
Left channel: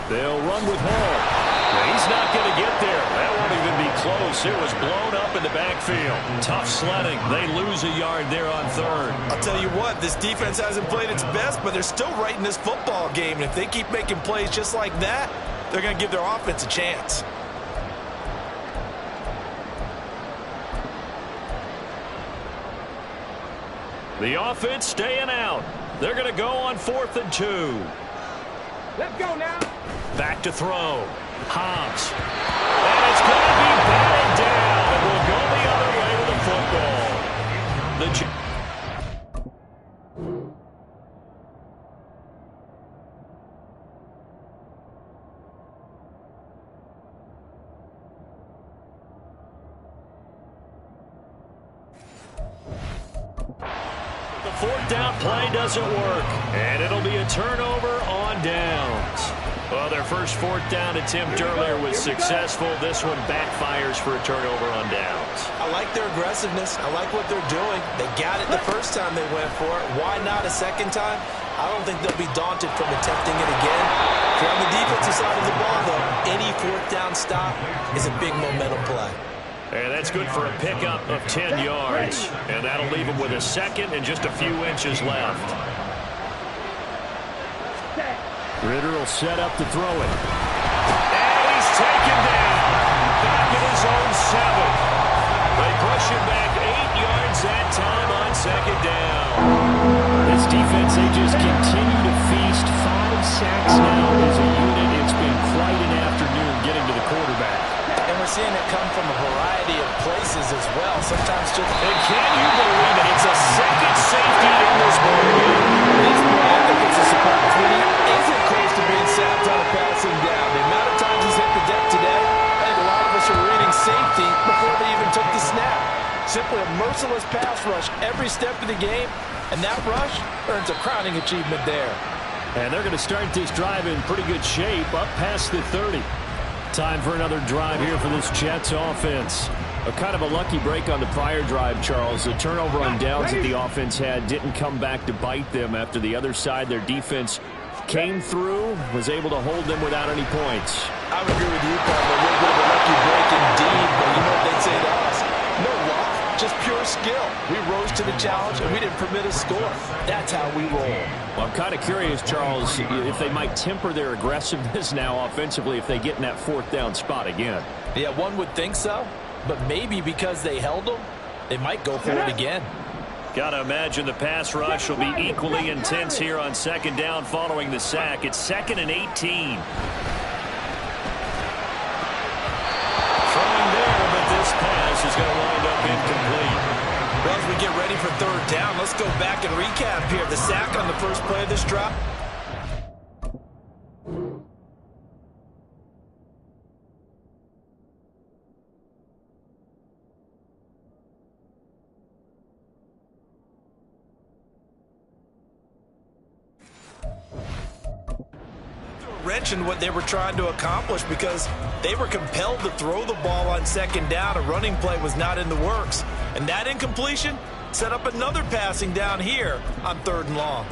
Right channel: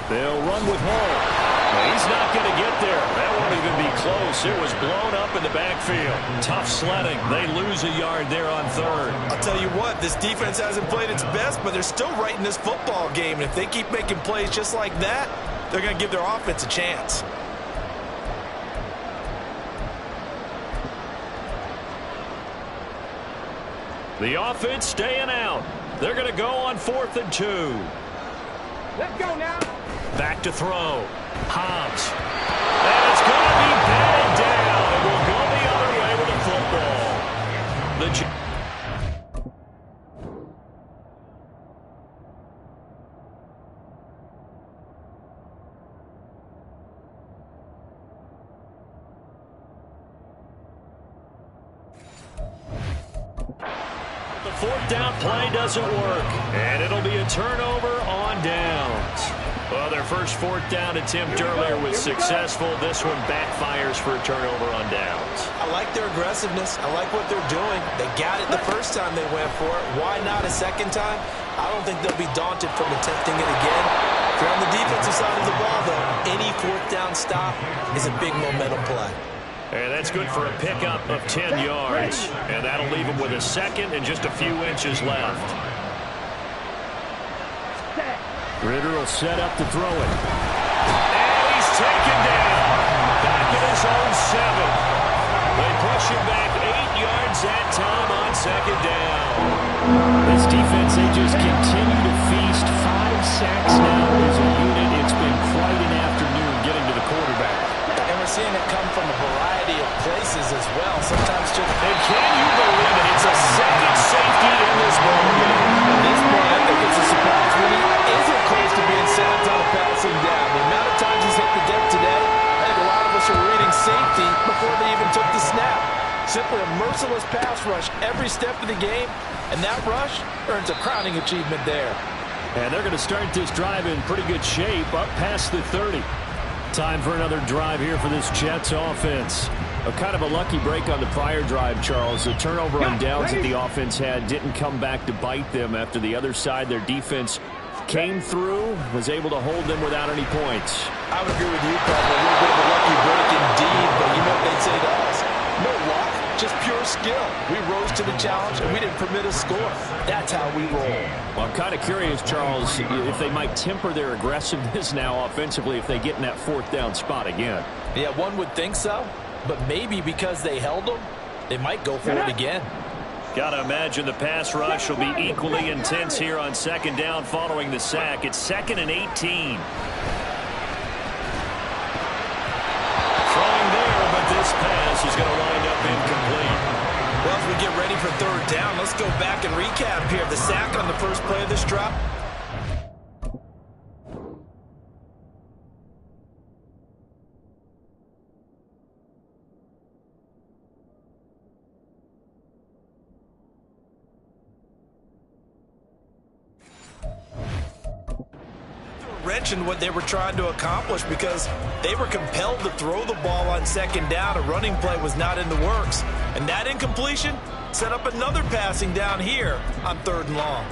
They'll run with Hall. Now, he's not going to get there. That won't even be close. It was blown up in the backfield. Tough sledding. They lose a yard there on 3rd. I'll tell you what, this defense hasn't played its best, but they're still right in this football game. And if they keep making plays just like that, they're going to give their offense a chance. The offense staying out. They're going to go on 4th and 2. Let's go now. Back to throw. Hobbs. And it's going to be batted down. It will go the other way with the football. The The 4th down play doesn't work, and it'll be a turnover on downs. Well, their first 4th down attempt earlier was successful. This one backfires for a turnover on downs. I like their aggressiveness. I like what they're doing. They got it the first time they went for it. Why not a second time? I don't think they'll be daunted from attempting it again. If you're on the defensive side of the ball, though, any 4th down stop is a big momentum play. And that's good for a pickup of 10 yards. And that'll leave him with a 2nd and just a few inches left. Ritter will set up to throw it. And he's taken down. Back at his own 7. They push him back 8 yards that time on 2nd down. This defense, they just continue to feast. 5 sacks now as a unit. It's been quite an afternoon getting to the quarterback. And we're seeing it come from a variety of places as well. Sometimes just... And can you believe it? It's a 2nd safety in this ball game. At this point, I think it's a surprise when he isn't close to being sacked on a passing down. The amount of times he's hit the deck today, I think a lot of us are reading safety before they even took the snap. Simply a merciless pass rush every step of the game, and that rush earns a crowning achievement there. And they're going to start this drive in pretty good shape up past the 30. Time for another drive here for this Jets offense. A kind of a lucky break on the prior drive, Charles. The turnover on downs that the offense had didn't come back to bite them after the other side. Their defense came through, was able to hold them without any points. I would agree with you, partner. A little bit of a lucky break indeed, but you know what they'd say to us? No luck, just pure skill. We rose to the challenge, and we didn't permit a score. That's how we roll. Well, I'm kind of curious, Charles, if they might temper their aggressiveness now offensively if they get in that 4th down spot again. Yeah, one would think so, but maybe because they held them, they might go for it again. Got to imagine the pass rush will be equally intense here on 2nd down following the sack. It's 2nd and 18. Throwing there, but this pass is going to wind up incomplete. Well, as we get ready for 3rd down, let's go back and recap here. The sack on the first play of this drive. Wrench in what they were trying to accomplish because they were compelled to throw the ball on 2nd down. A running play was not in the works. And that incompletion set up another passing down here on 3rd and long.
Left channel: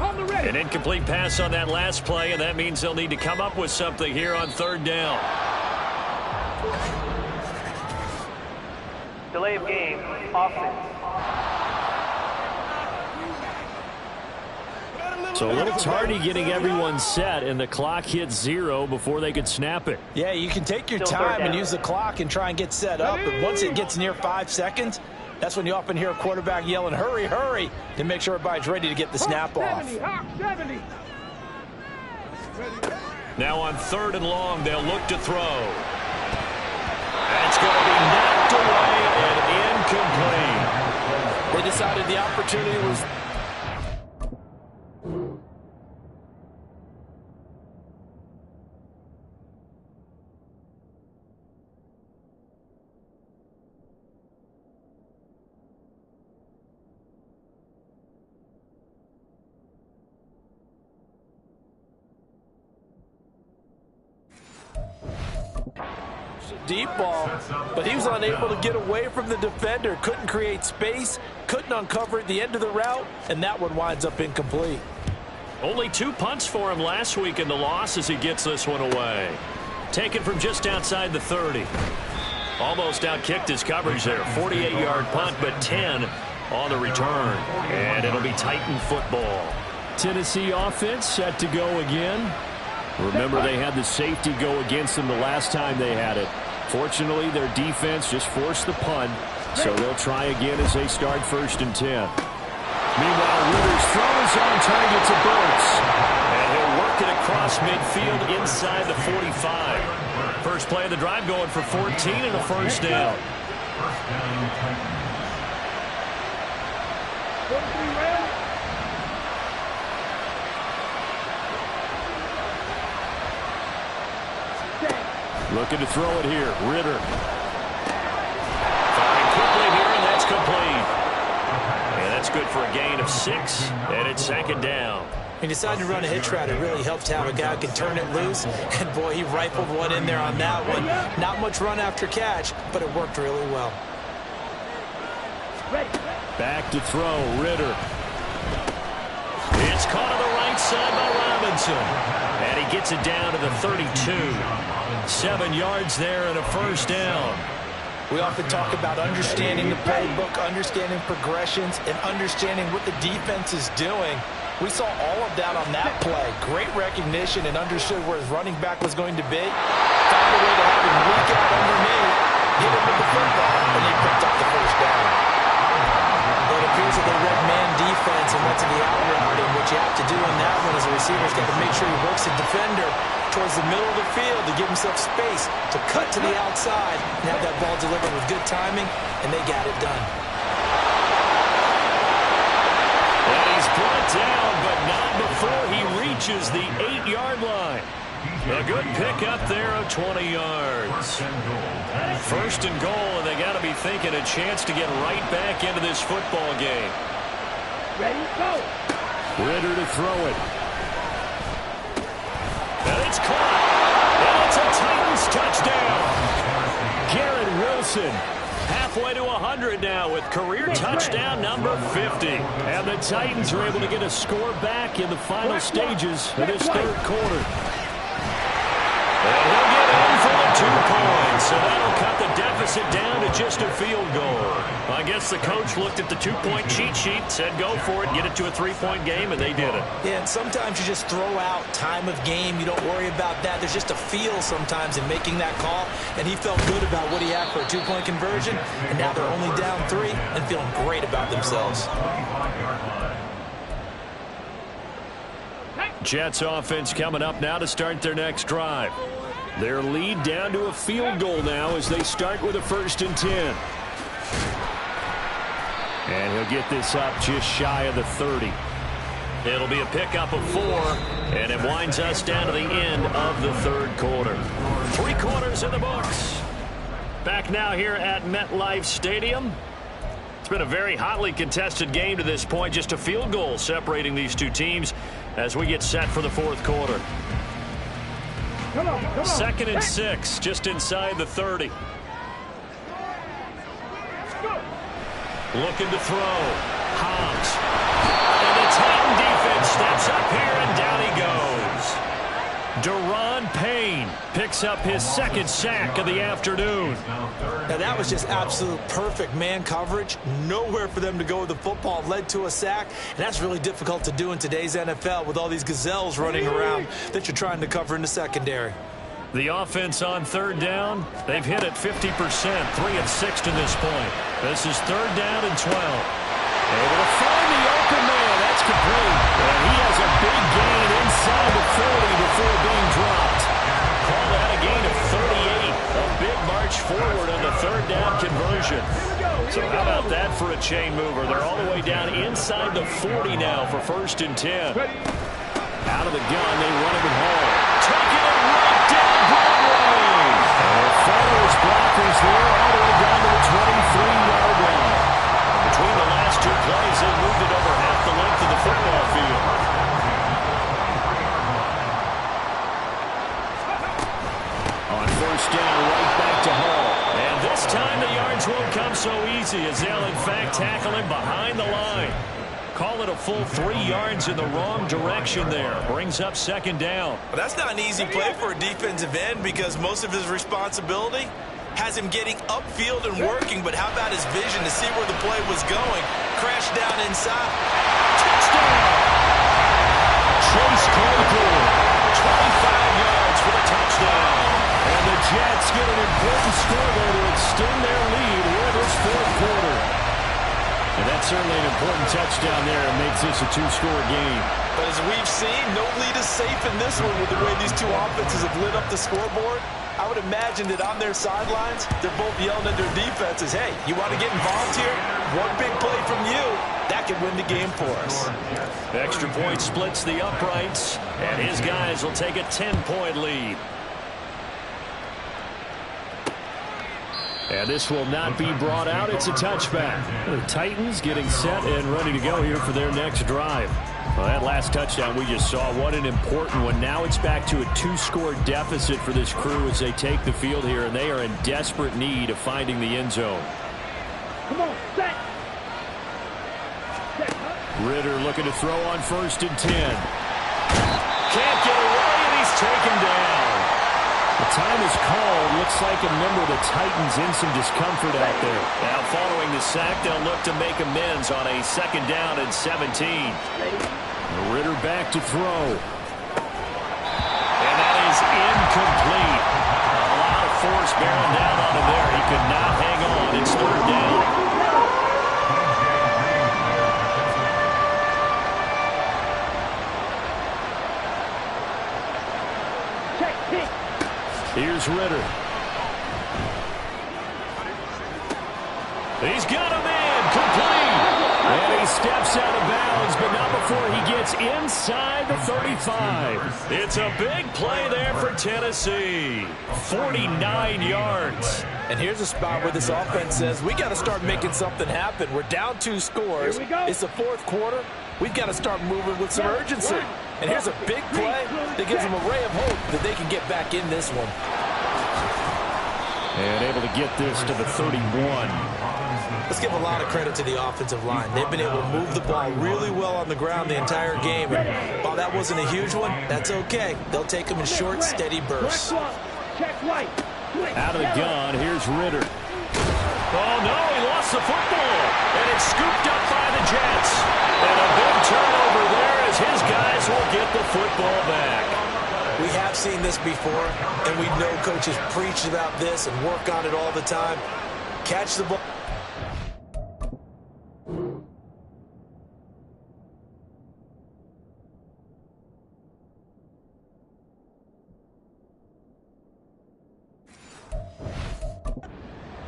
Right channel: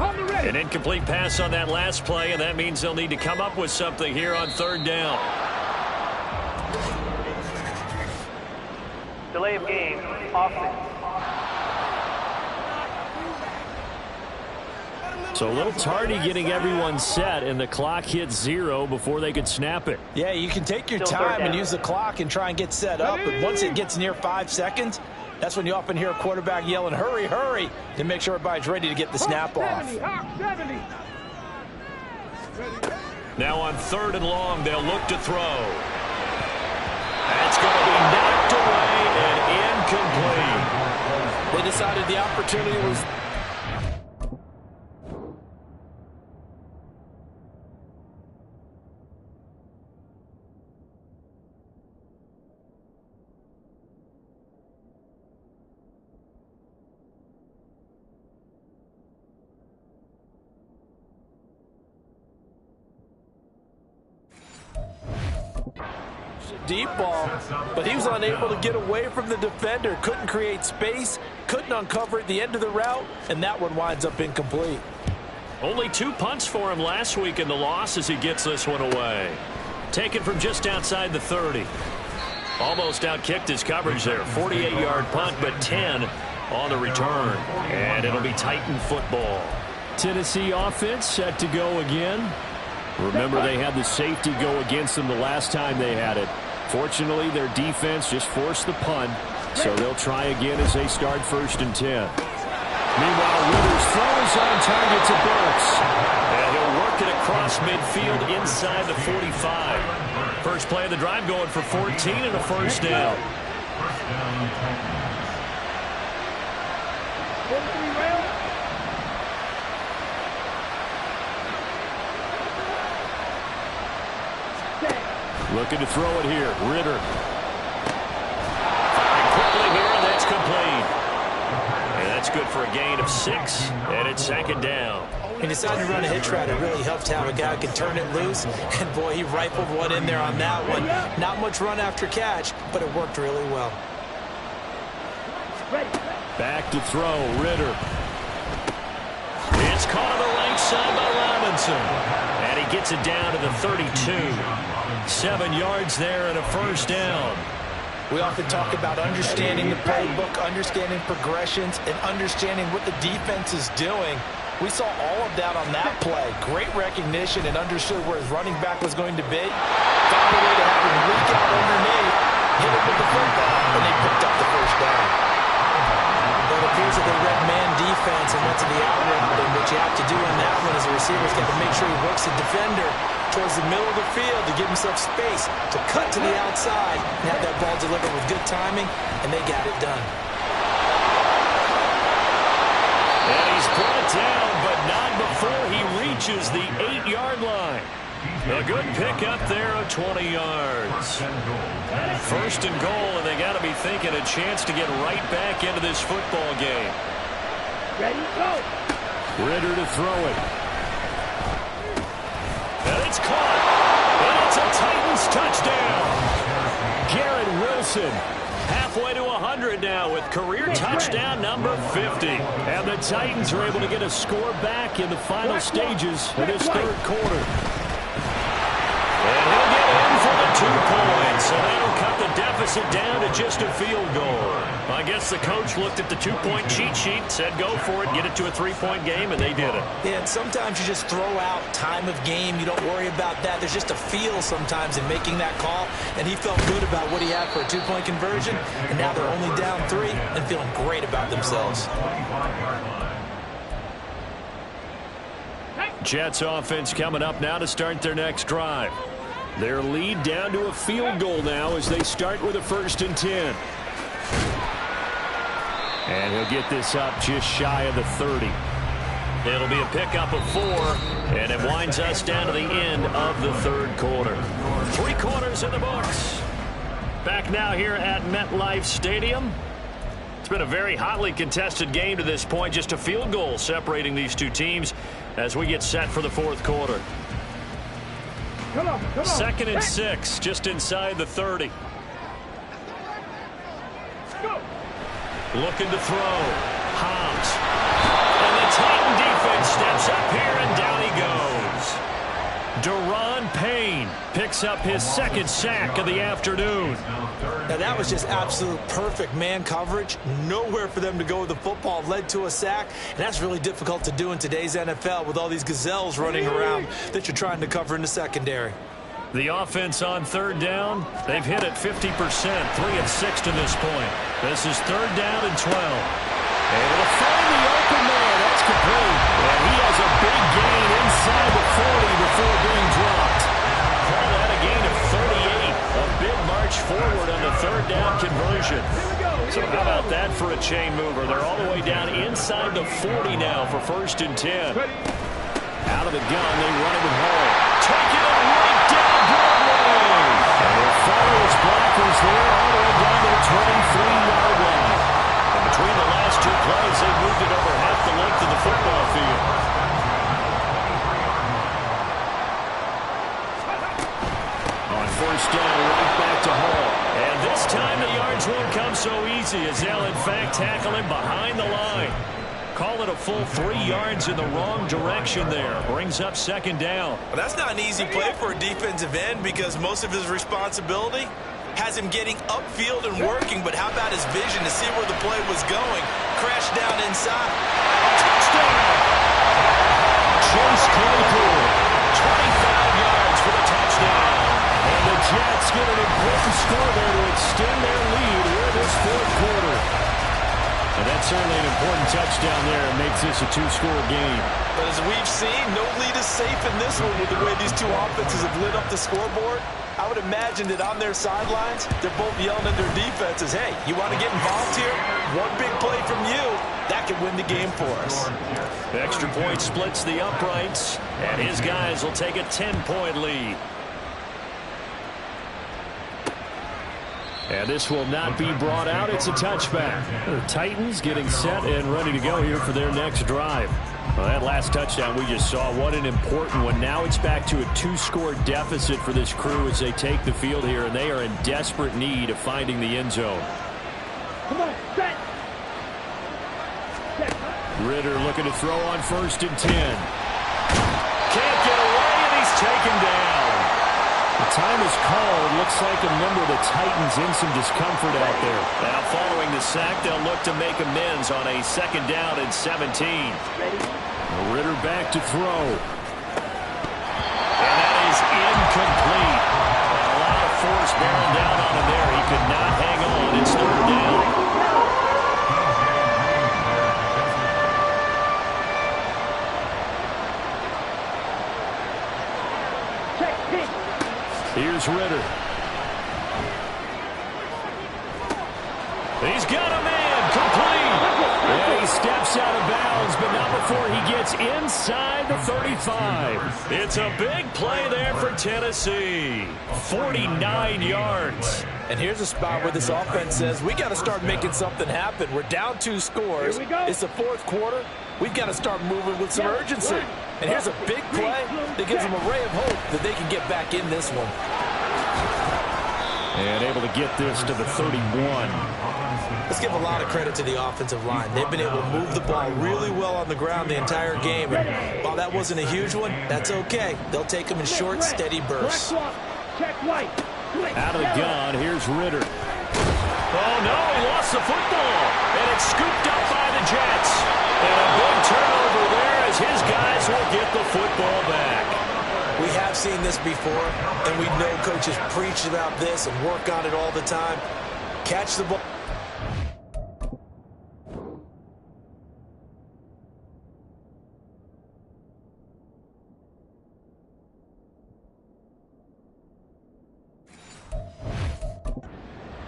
On the ready. An incomplete pass on that last play, and that means they'll need to come up with something here on third down. Delay of game, offense. So a little tardy getting everyone set, and the clock hits 0 before they could snap it. Yeah, you can take your time and use the clock and try and get set up, but once it gets near 5 seconds, that's when you often hear a quarterback yelling, hurry, hurry, to make sure everybody's ready to get the snap off. 70. Now on 3rd and long, they'll look to throw. That's going to be knocked away and incomplete. They decided the opportunity was... deep ball, but he was unable to get away from the defender, couldn't create space, couldn't uncover at the end of the route, and that one winds up incomplete. Only 2 punts for him last week in the loss as he gets this one away. Taken from just outside the 30. Almost outkicked his coverage there. 48-yard punt, but 10 on the return. And it'll be Titan football. Tennessee offense set to go again. Remember, they had the safety go against them the last time they had it. Fortunately, their defense just forced the punt, so they'll try again as they start 1st and 10. Meanwhile, Ritter's throw is on target to Burks. And he'll work it across midfield inside the 45. First play of the drive going for 14 and a first down. First down, Titans. 43 rail. Looking to throw it here. Ritter. Firing quickly here, and that's complete. And that's good for a gain of 6, and it's 2nd down. He decided to run a hitch route. It really helped to have a guy who can turn it loose. And, boy, he rifled one in there on that one. Not much run after catch, but it worked really well. Back to throw. Ritter. It's caught on the right side by Robinson. And he gets it down to the 32. 7 yards there and a first down. We often talk about understanding the playbook, understanding progressions, and understanding what the defense is doing. We saw all of that on that play. Great recognition and understood where his running back was going to be. Found a way to have him leak out underneath, hit him with the football, and they picked up the first down. But it appears that they read man defense and went to the out route, and what you have to do on that one is the receiver's got to make sure he works the defender towards the middle of the field to give himself space to cut to the outside and have that ball delivered with good timing, and they got it done. And he's brought down, but not before he reaches the 8-yard line. A good pickup there of 20 yards. 1st and goal, and they got to be thinking a chance to get right back into this football game. Ready, go. Ritter to throw it. And it's caught. And it's a Titans touchdown. Garrett Wilson. Halfway to 100 now with career touchdown number 50. And the Titans are able to get a score back in the final stages of this 3rd quarter. And he'll get in for the 2 points. So that'll cut the deficit down to just a field goal. I guess the coach looked at the 2-point cheat sheet, said go for it, get it to a 3-point game, and they did it. Yeah, and sometimes you just throw out time of game. You don't worry about that. There's just a feel sometimes in making that call, and he felt good about what he had for a 2-point conversion, and now they're only down 3 and feeling great about themselves. Jets offense coming up now to start their next drive. Their lead down to a field goal now as they start with a 1st and 10. And he'll get this up just shy of the 30. It'll be a pickup of 4, and it winds us down to the end of the 3rd quarter. 3 quarters in the books. Back now here at MetLife Stadium. It's been a very hotly contested game to this point. Just a field goal separating these two teams as we get set for the 4th quarter. Come on. 2nd and 6, just inside the 30. Go. Looking to throw. Hobbs. And the Titan defense steps up here, and down he goes. Daron Payne picks up his second sack of the afternoon. Now, that was just absolute perfect man coverage. Nowhere for them to go with the football. Led to a sack, and that's really difficult to do in today's NFL with all these gazelles running around that you're trying to cover in the secondary. The offense on third down, they've hit it 50%, 3 of 6 to this point. This is third down and 12. Able to find the open man. That's complete. And he has a big gain inside the 40 before being dropped. Call that a gain of 38. A big march forward on the third down conversion. So how about that for a chain mover? They're all the way down inside the 40 now for 1st and 10. Out of the gun, they run it with Hall. Taking it right down Broadway. And he'll follow his blockers there all the way down to the 23-yard line. And between the last two plays, they moved it over half the length of the football field. On 1st down, right back to Hall. And this time the yards won't come so easy as they'll, in fact, tackle him behind the line. Call it a full 3 yards in the wrong direction there. Brings up 2nd down. Well, that's not an easy play for a defensive end because most of his responsibility has him getting upfield and working, but how about his vision to see where the play was going? Crash down inside. Touchdown! Chase Claypool, 25 yards for the touchdown. And the Jets get an important score there to extend their lead here this 4th quarter. And that's certainly an important touchdown there. It makes this a 2-score game. But as we've seen, no lead is safe in this one with the way these two offenses have lit up the scoreboard. I would imagine that on their sidelines, they're both yelling at their defenses, hey, you want to get involved here? One big play from you, that could win the game for us. The extra point splits the uprights, and his guys will take a 10-point lead. And this will not be brought out. It's a touchback. The Titans getting set and ready to go here for their next drive. Well, that last touchdown we just saw, what an important one. Now it's back to a 2-score deficit for this crew as they take the field here, and they are in desperate need of finding the end zone. Come on, set. Ritter looking to throw on 1st and 10. Can't get away, and he's taken down. The time is called. Looks like a member of the Titans in some discomfort out there. Now following the sack, they'll look to make amends on a 2nd down and 17. Ritter back to throw. And that is incomplete. A lot of force bearing down on him there. He could not hang on. It's 3rd down. Here's Ritter. He's got a man, complete. And he steps out of bounds, but not before he gets inside the 35. It's a big play there for Tennessee. 49 yards. And here's a spot where this offense says, we got to start making something happen. We're down 2 scores. It's the 4th quarter. We've got to start moving with some urgency. And here's a big play that gives them a ray of hope that they can get back in this one. And able to get this to the 31. Let's give a lot of credit to the offensive line. They've been able to move the ball really well on the ground the entire game. And while that wasn't a huge one, that's okay. They'll take them in short, steady bursts. Out of the gun, here's Ritter. Oh, no, he lost the football. And it's scooped up by the Jets. And a big turnover there as his guys will get the football back. We have seen this before, and we know coaches preach about this and work on it all the time. Catch the ball.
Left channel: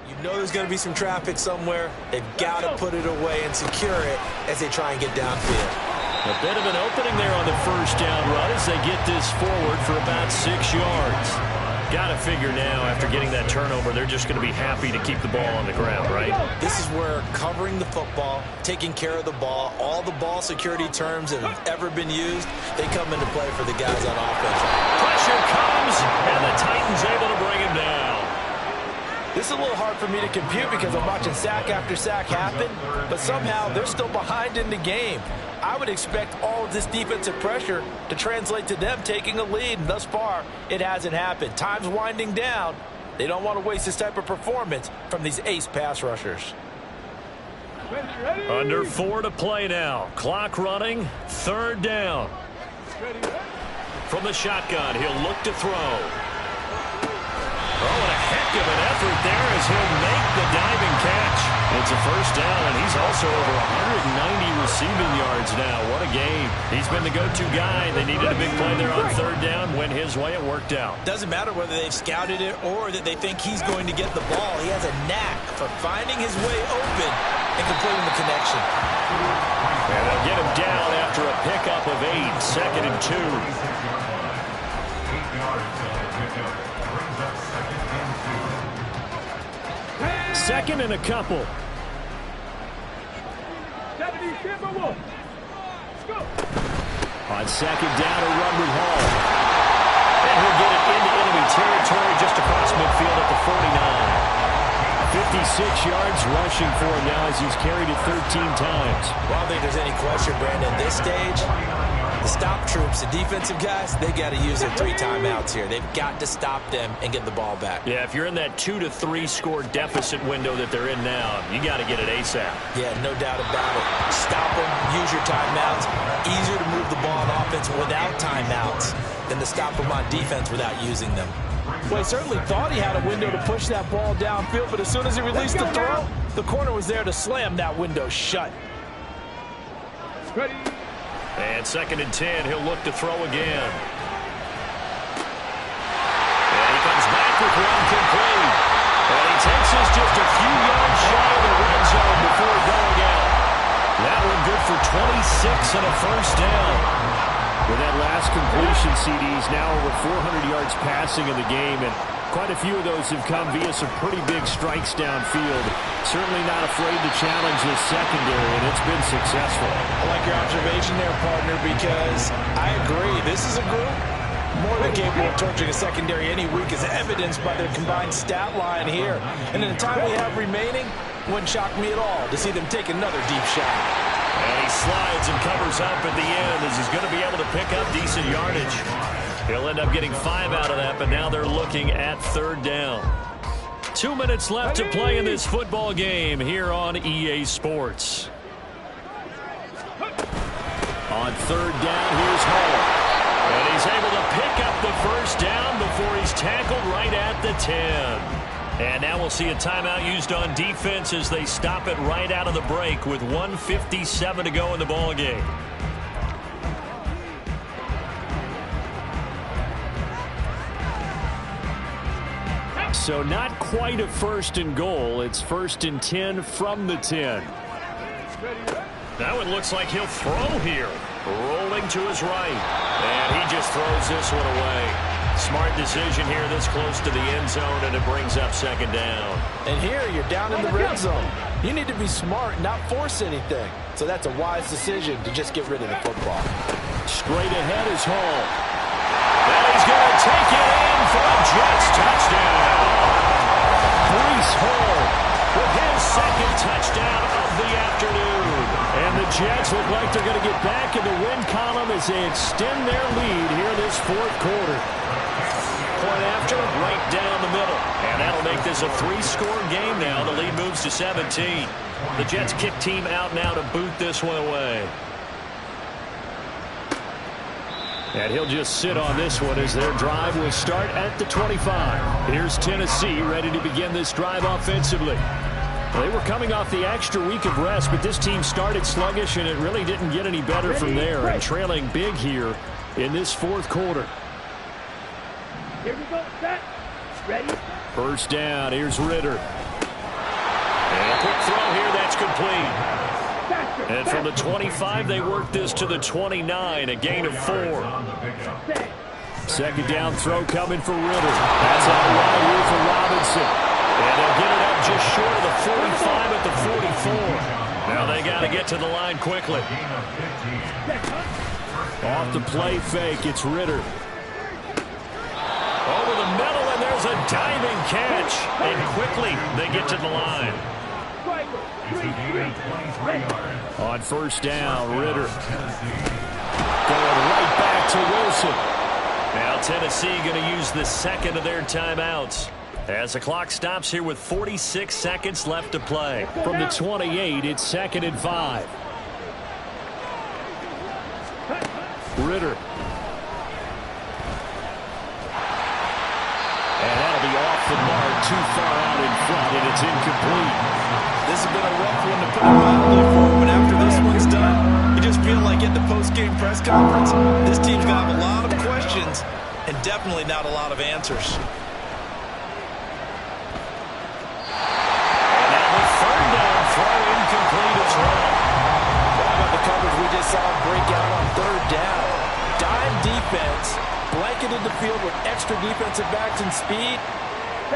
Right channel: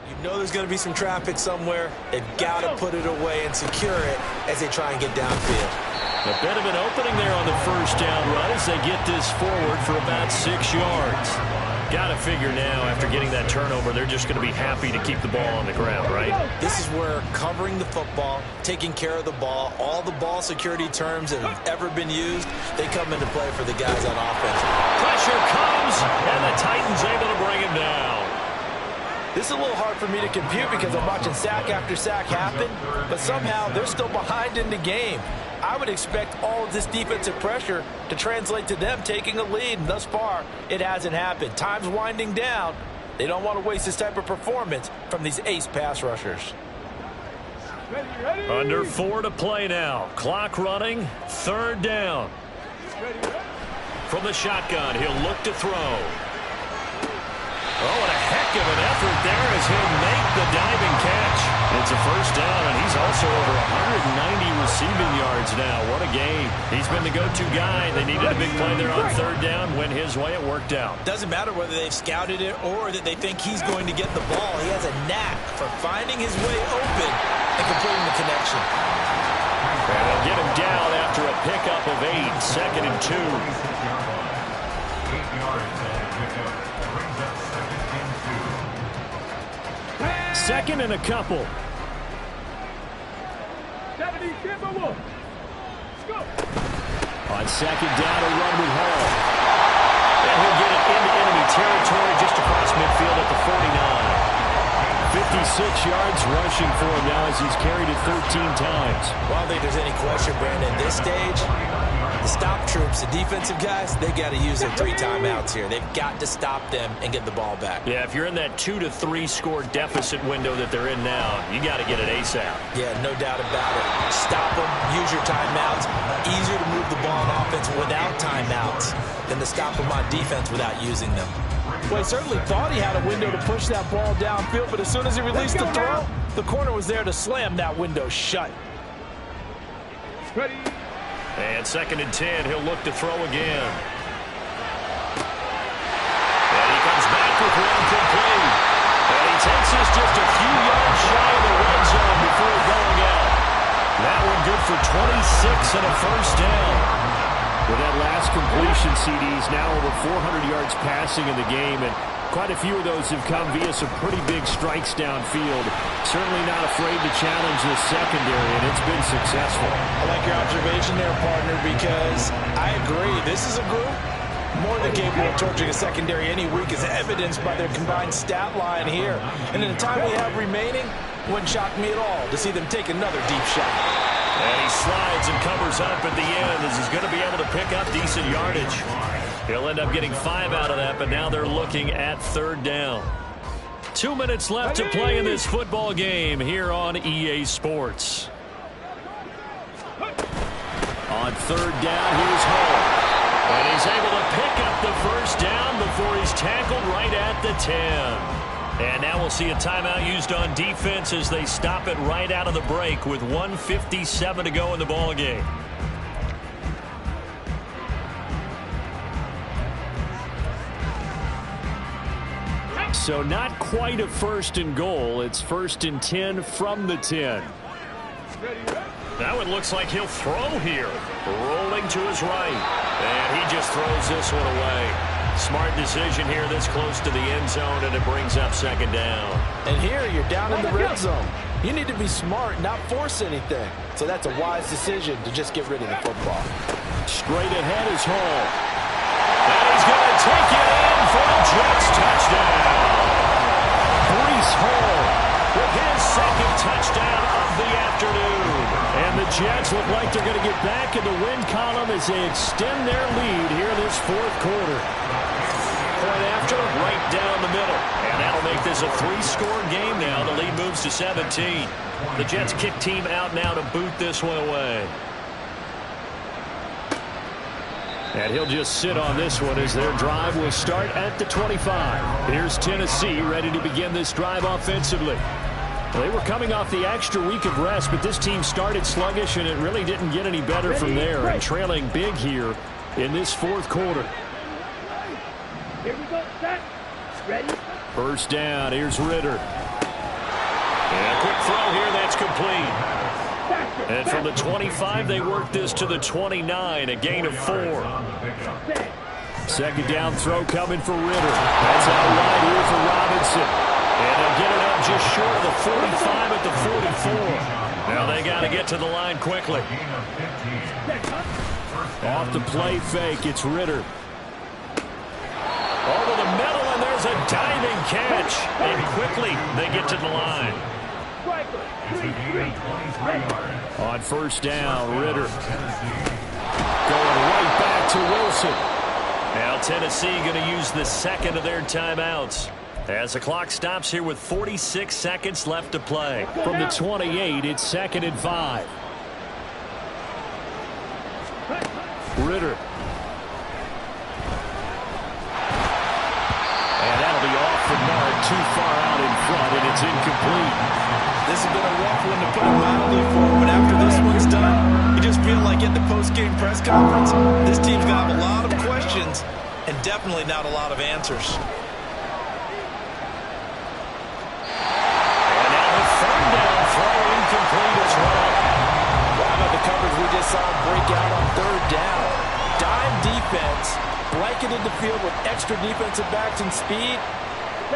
You know there's going to be some traffic somewhere. They've got to put it away and secure it as they try and get downfield. A bit of an opening there on the 1st down run as they get this forward for about 6 yards. Got to figure now, after getting that turnover, they're just going to be happy to keep the ball on the ground, right? This is where covering the football, taking care of the ball, all the ball security terms that have ever been used, they come into play for the guys on offense. Pressure comes, and the Titans able to bring him down. This is a little hard for me to compute because I'm watching sack after sack happen, but somehow they're still behind in the game. I would expect all of this defensive pressure to translate to them taking a lead, and thus far, it hasn't happened. Time's winding down. They don't want to waste this type of performance from these ace pass rushers. Under 4 to play now. Clock running. 3rd down. From the shotgun, he'll look to throw. Oh, and a heck of an effort there as he'll make the diving catch. It's a 1st down, and he's also over 190 receiving yards now. What a game. He's been the go-to guy. They needed a big play there on 3rd down. Went his way. It worked out. Doesn't matter whether they've scouted it or that they think he's going to get the ball. He has a knack for finding his way open and completing the connection. And they'll get him down after a pickup of 8. 2nd and 2. 8 yards on the pickup. Brings up 2nd and 2. 2nd and a couple. 70, go. On 2nd down, a run with Hall. And he'll get it into enemy territory just across midfield at the 49. 56 yards rushing for him now as he's carried it 13 times. Well, I don't think there's any question, Brandon, at this stage, the stop troops, the defensive guys, they got to use their 3 timeouts here. They've got to stop them and get the ball back. Yeah, if you're in that 2 to 3 score deficit window that they're in now, you got to get it ASAP. Yeah, no doubt about it. Stop them, use your timeouts. Easier to move the ball on offense without timeouts than to stop them on defense without using them. Well, he certainly thought he had a window to push that ball downfield, but as soon as he released the throw, the corner was there to slam that window shut. Ready. And 2nd and 10, he'll look to throw again. And he comes back with one complete. And he takes us just a few yards shy of the red zone before going out. That one good for 26 and a 1st down. With that last completion, CD's now over 400 yards passing in the game, and quite a few of those have come via some pretty big strikes downfield. Certainly not afraid to challenge the secondary, and it's been successful. I like your observation there, partner, because I agree. This is a group more than capable of torching a secondary any week, as evidenced by their combined stat line here. And in the time we have remaining, wouldn't shock me at all to see them take another deep shot. And he slides and covers up at the end as he's going to be able to pick up decent yardage. He'll end up getting 5 out of that, but now they're looking at 3rd down. 2 minutes left to play in this football game here on EA Sports. On 3rd down, here's Hall. And he's able to pick up the 1st down before he's tackled right at the 10. And now we'll see a timeout used on defense as they stop it right out of the break with 1:57 to go in the ball game. So not quite a 1st and goal. It's 1st and 10 from the 10. Now it looks like he'll throw here. Rolling to his right. And he just throws this one away. Smart decision here this close to the end zone, and it brings up 2nd down. And here you're down in the red zone. You need to be smart, not force anything. So that's a wise decision to just get rid of the football. Straight ahead is Hall. And he's going to take it in for a Jets touchdown. Breece Hall with his 2nd touchdown of the afternoon. And the Jets look like they're going to get back in the win column as they extend their lead here this 4th quarter. Point after, right down the middle. And that'll make this a 3-score game now. The lead moves to 17. The Jets kick team out now to boot this one away. And he'll just sit on this one as their drive will start at the 25. Here's Tennessee ready to begin this drive offensively. They were coming off the extra week of rest, but this team started sluggish, and it really didn't get any better from there. And trailing big here in this 4th quarter. Here we go, set, ready. 1st down, here's Ritter. And a quick throw here, that's complete. And from the 25, they work this to the 29, a gain of 4. 2nd down throw coming for Ritter. That's out wide here for Robinson. And they'll get it up just short of the 45 at the 44. Now they got to get to the line quickly. Off the play fake, it's Ritter. Over the middle, and there's a diving catch. And quickly, they get to the line. striker. It's a gain of 23 yards. On first down, Ritter going right back to Wilson. Now Tennessee going to use the second of their timeouts as the clock stops here with 46 seconds left to play. From the 28, it's 2nd and 5. Ritter. And that'll be off the mark, too far out in front, and it's incomplete. This has been a rough one to put it mildly for, but after this one's done, you just feel like at the post-game press conference, this team's going to have a lot of questions and definitely not a lot of answers. And now the third down throw incomplete as well. How about the coverage we just saw break out on third down? Dime defense, blanketed the field with extra defensive backs and speed,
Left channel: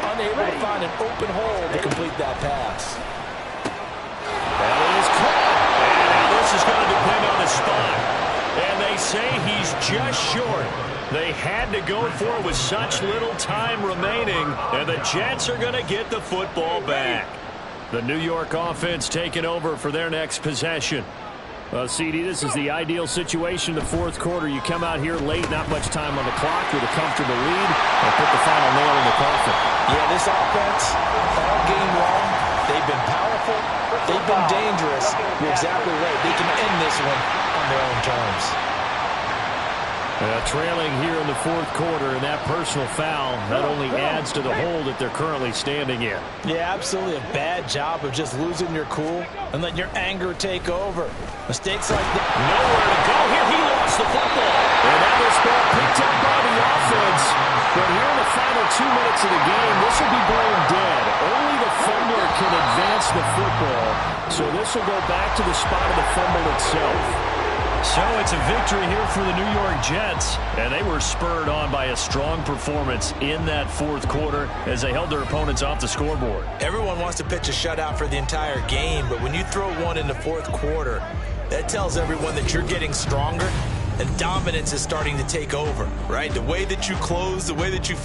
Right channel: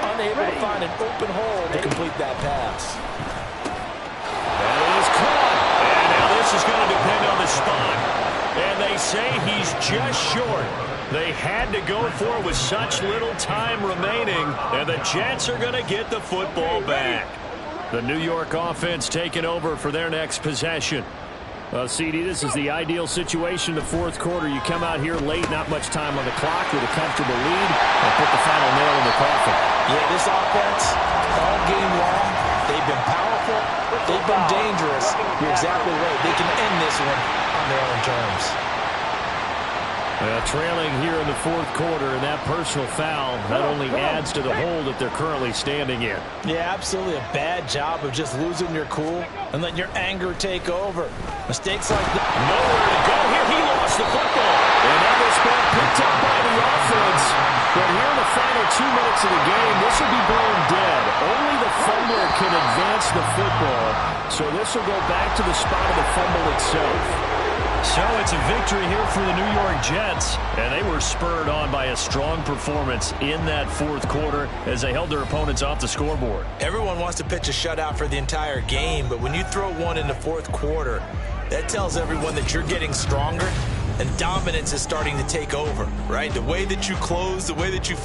unable to find an open hole to complete that pass. That is caught. And now this is going to depend on the spot. And they say he's just short. They had to go for it with such little time remaining. And the Jets are going to get the football back. The New York offense taking over for their next possession. Well, CD, this is the ideal situation in the fourth quarter. You come out here late, not much time on the clock with a comfortable lead, and put the final nail in the coffin. Yeah, this offense, all game long, they've been powerful, they've been dangerous. You're exactly right. They can end this one on their own terms. Trailing here in the fourth quarter, and that personal foul, that only adds to the hole that they're currently standing in. Yeah, absolutely a bad job of just losing your cool and letting your anger take over. Mistakes like that. Nowhere to go here. He lost the football. And now this ball picked up by the offense. But here in the final 2 minutes of the game, this will be blown dead. Only the fumbler can advance the football. So this will go back to the spot of the fumble itself. So it's a victory here for the New York Jets, and they were spurred on by a strong performance in that fourth quarter as they held their opponents off the scoreboard. Everyone wants to pitch a shutout for the entire game, but when you throw one in the fourth quarter, that tells everyone that you're getting stronger and dominance is starting to take over, right? The way that you close, the way that you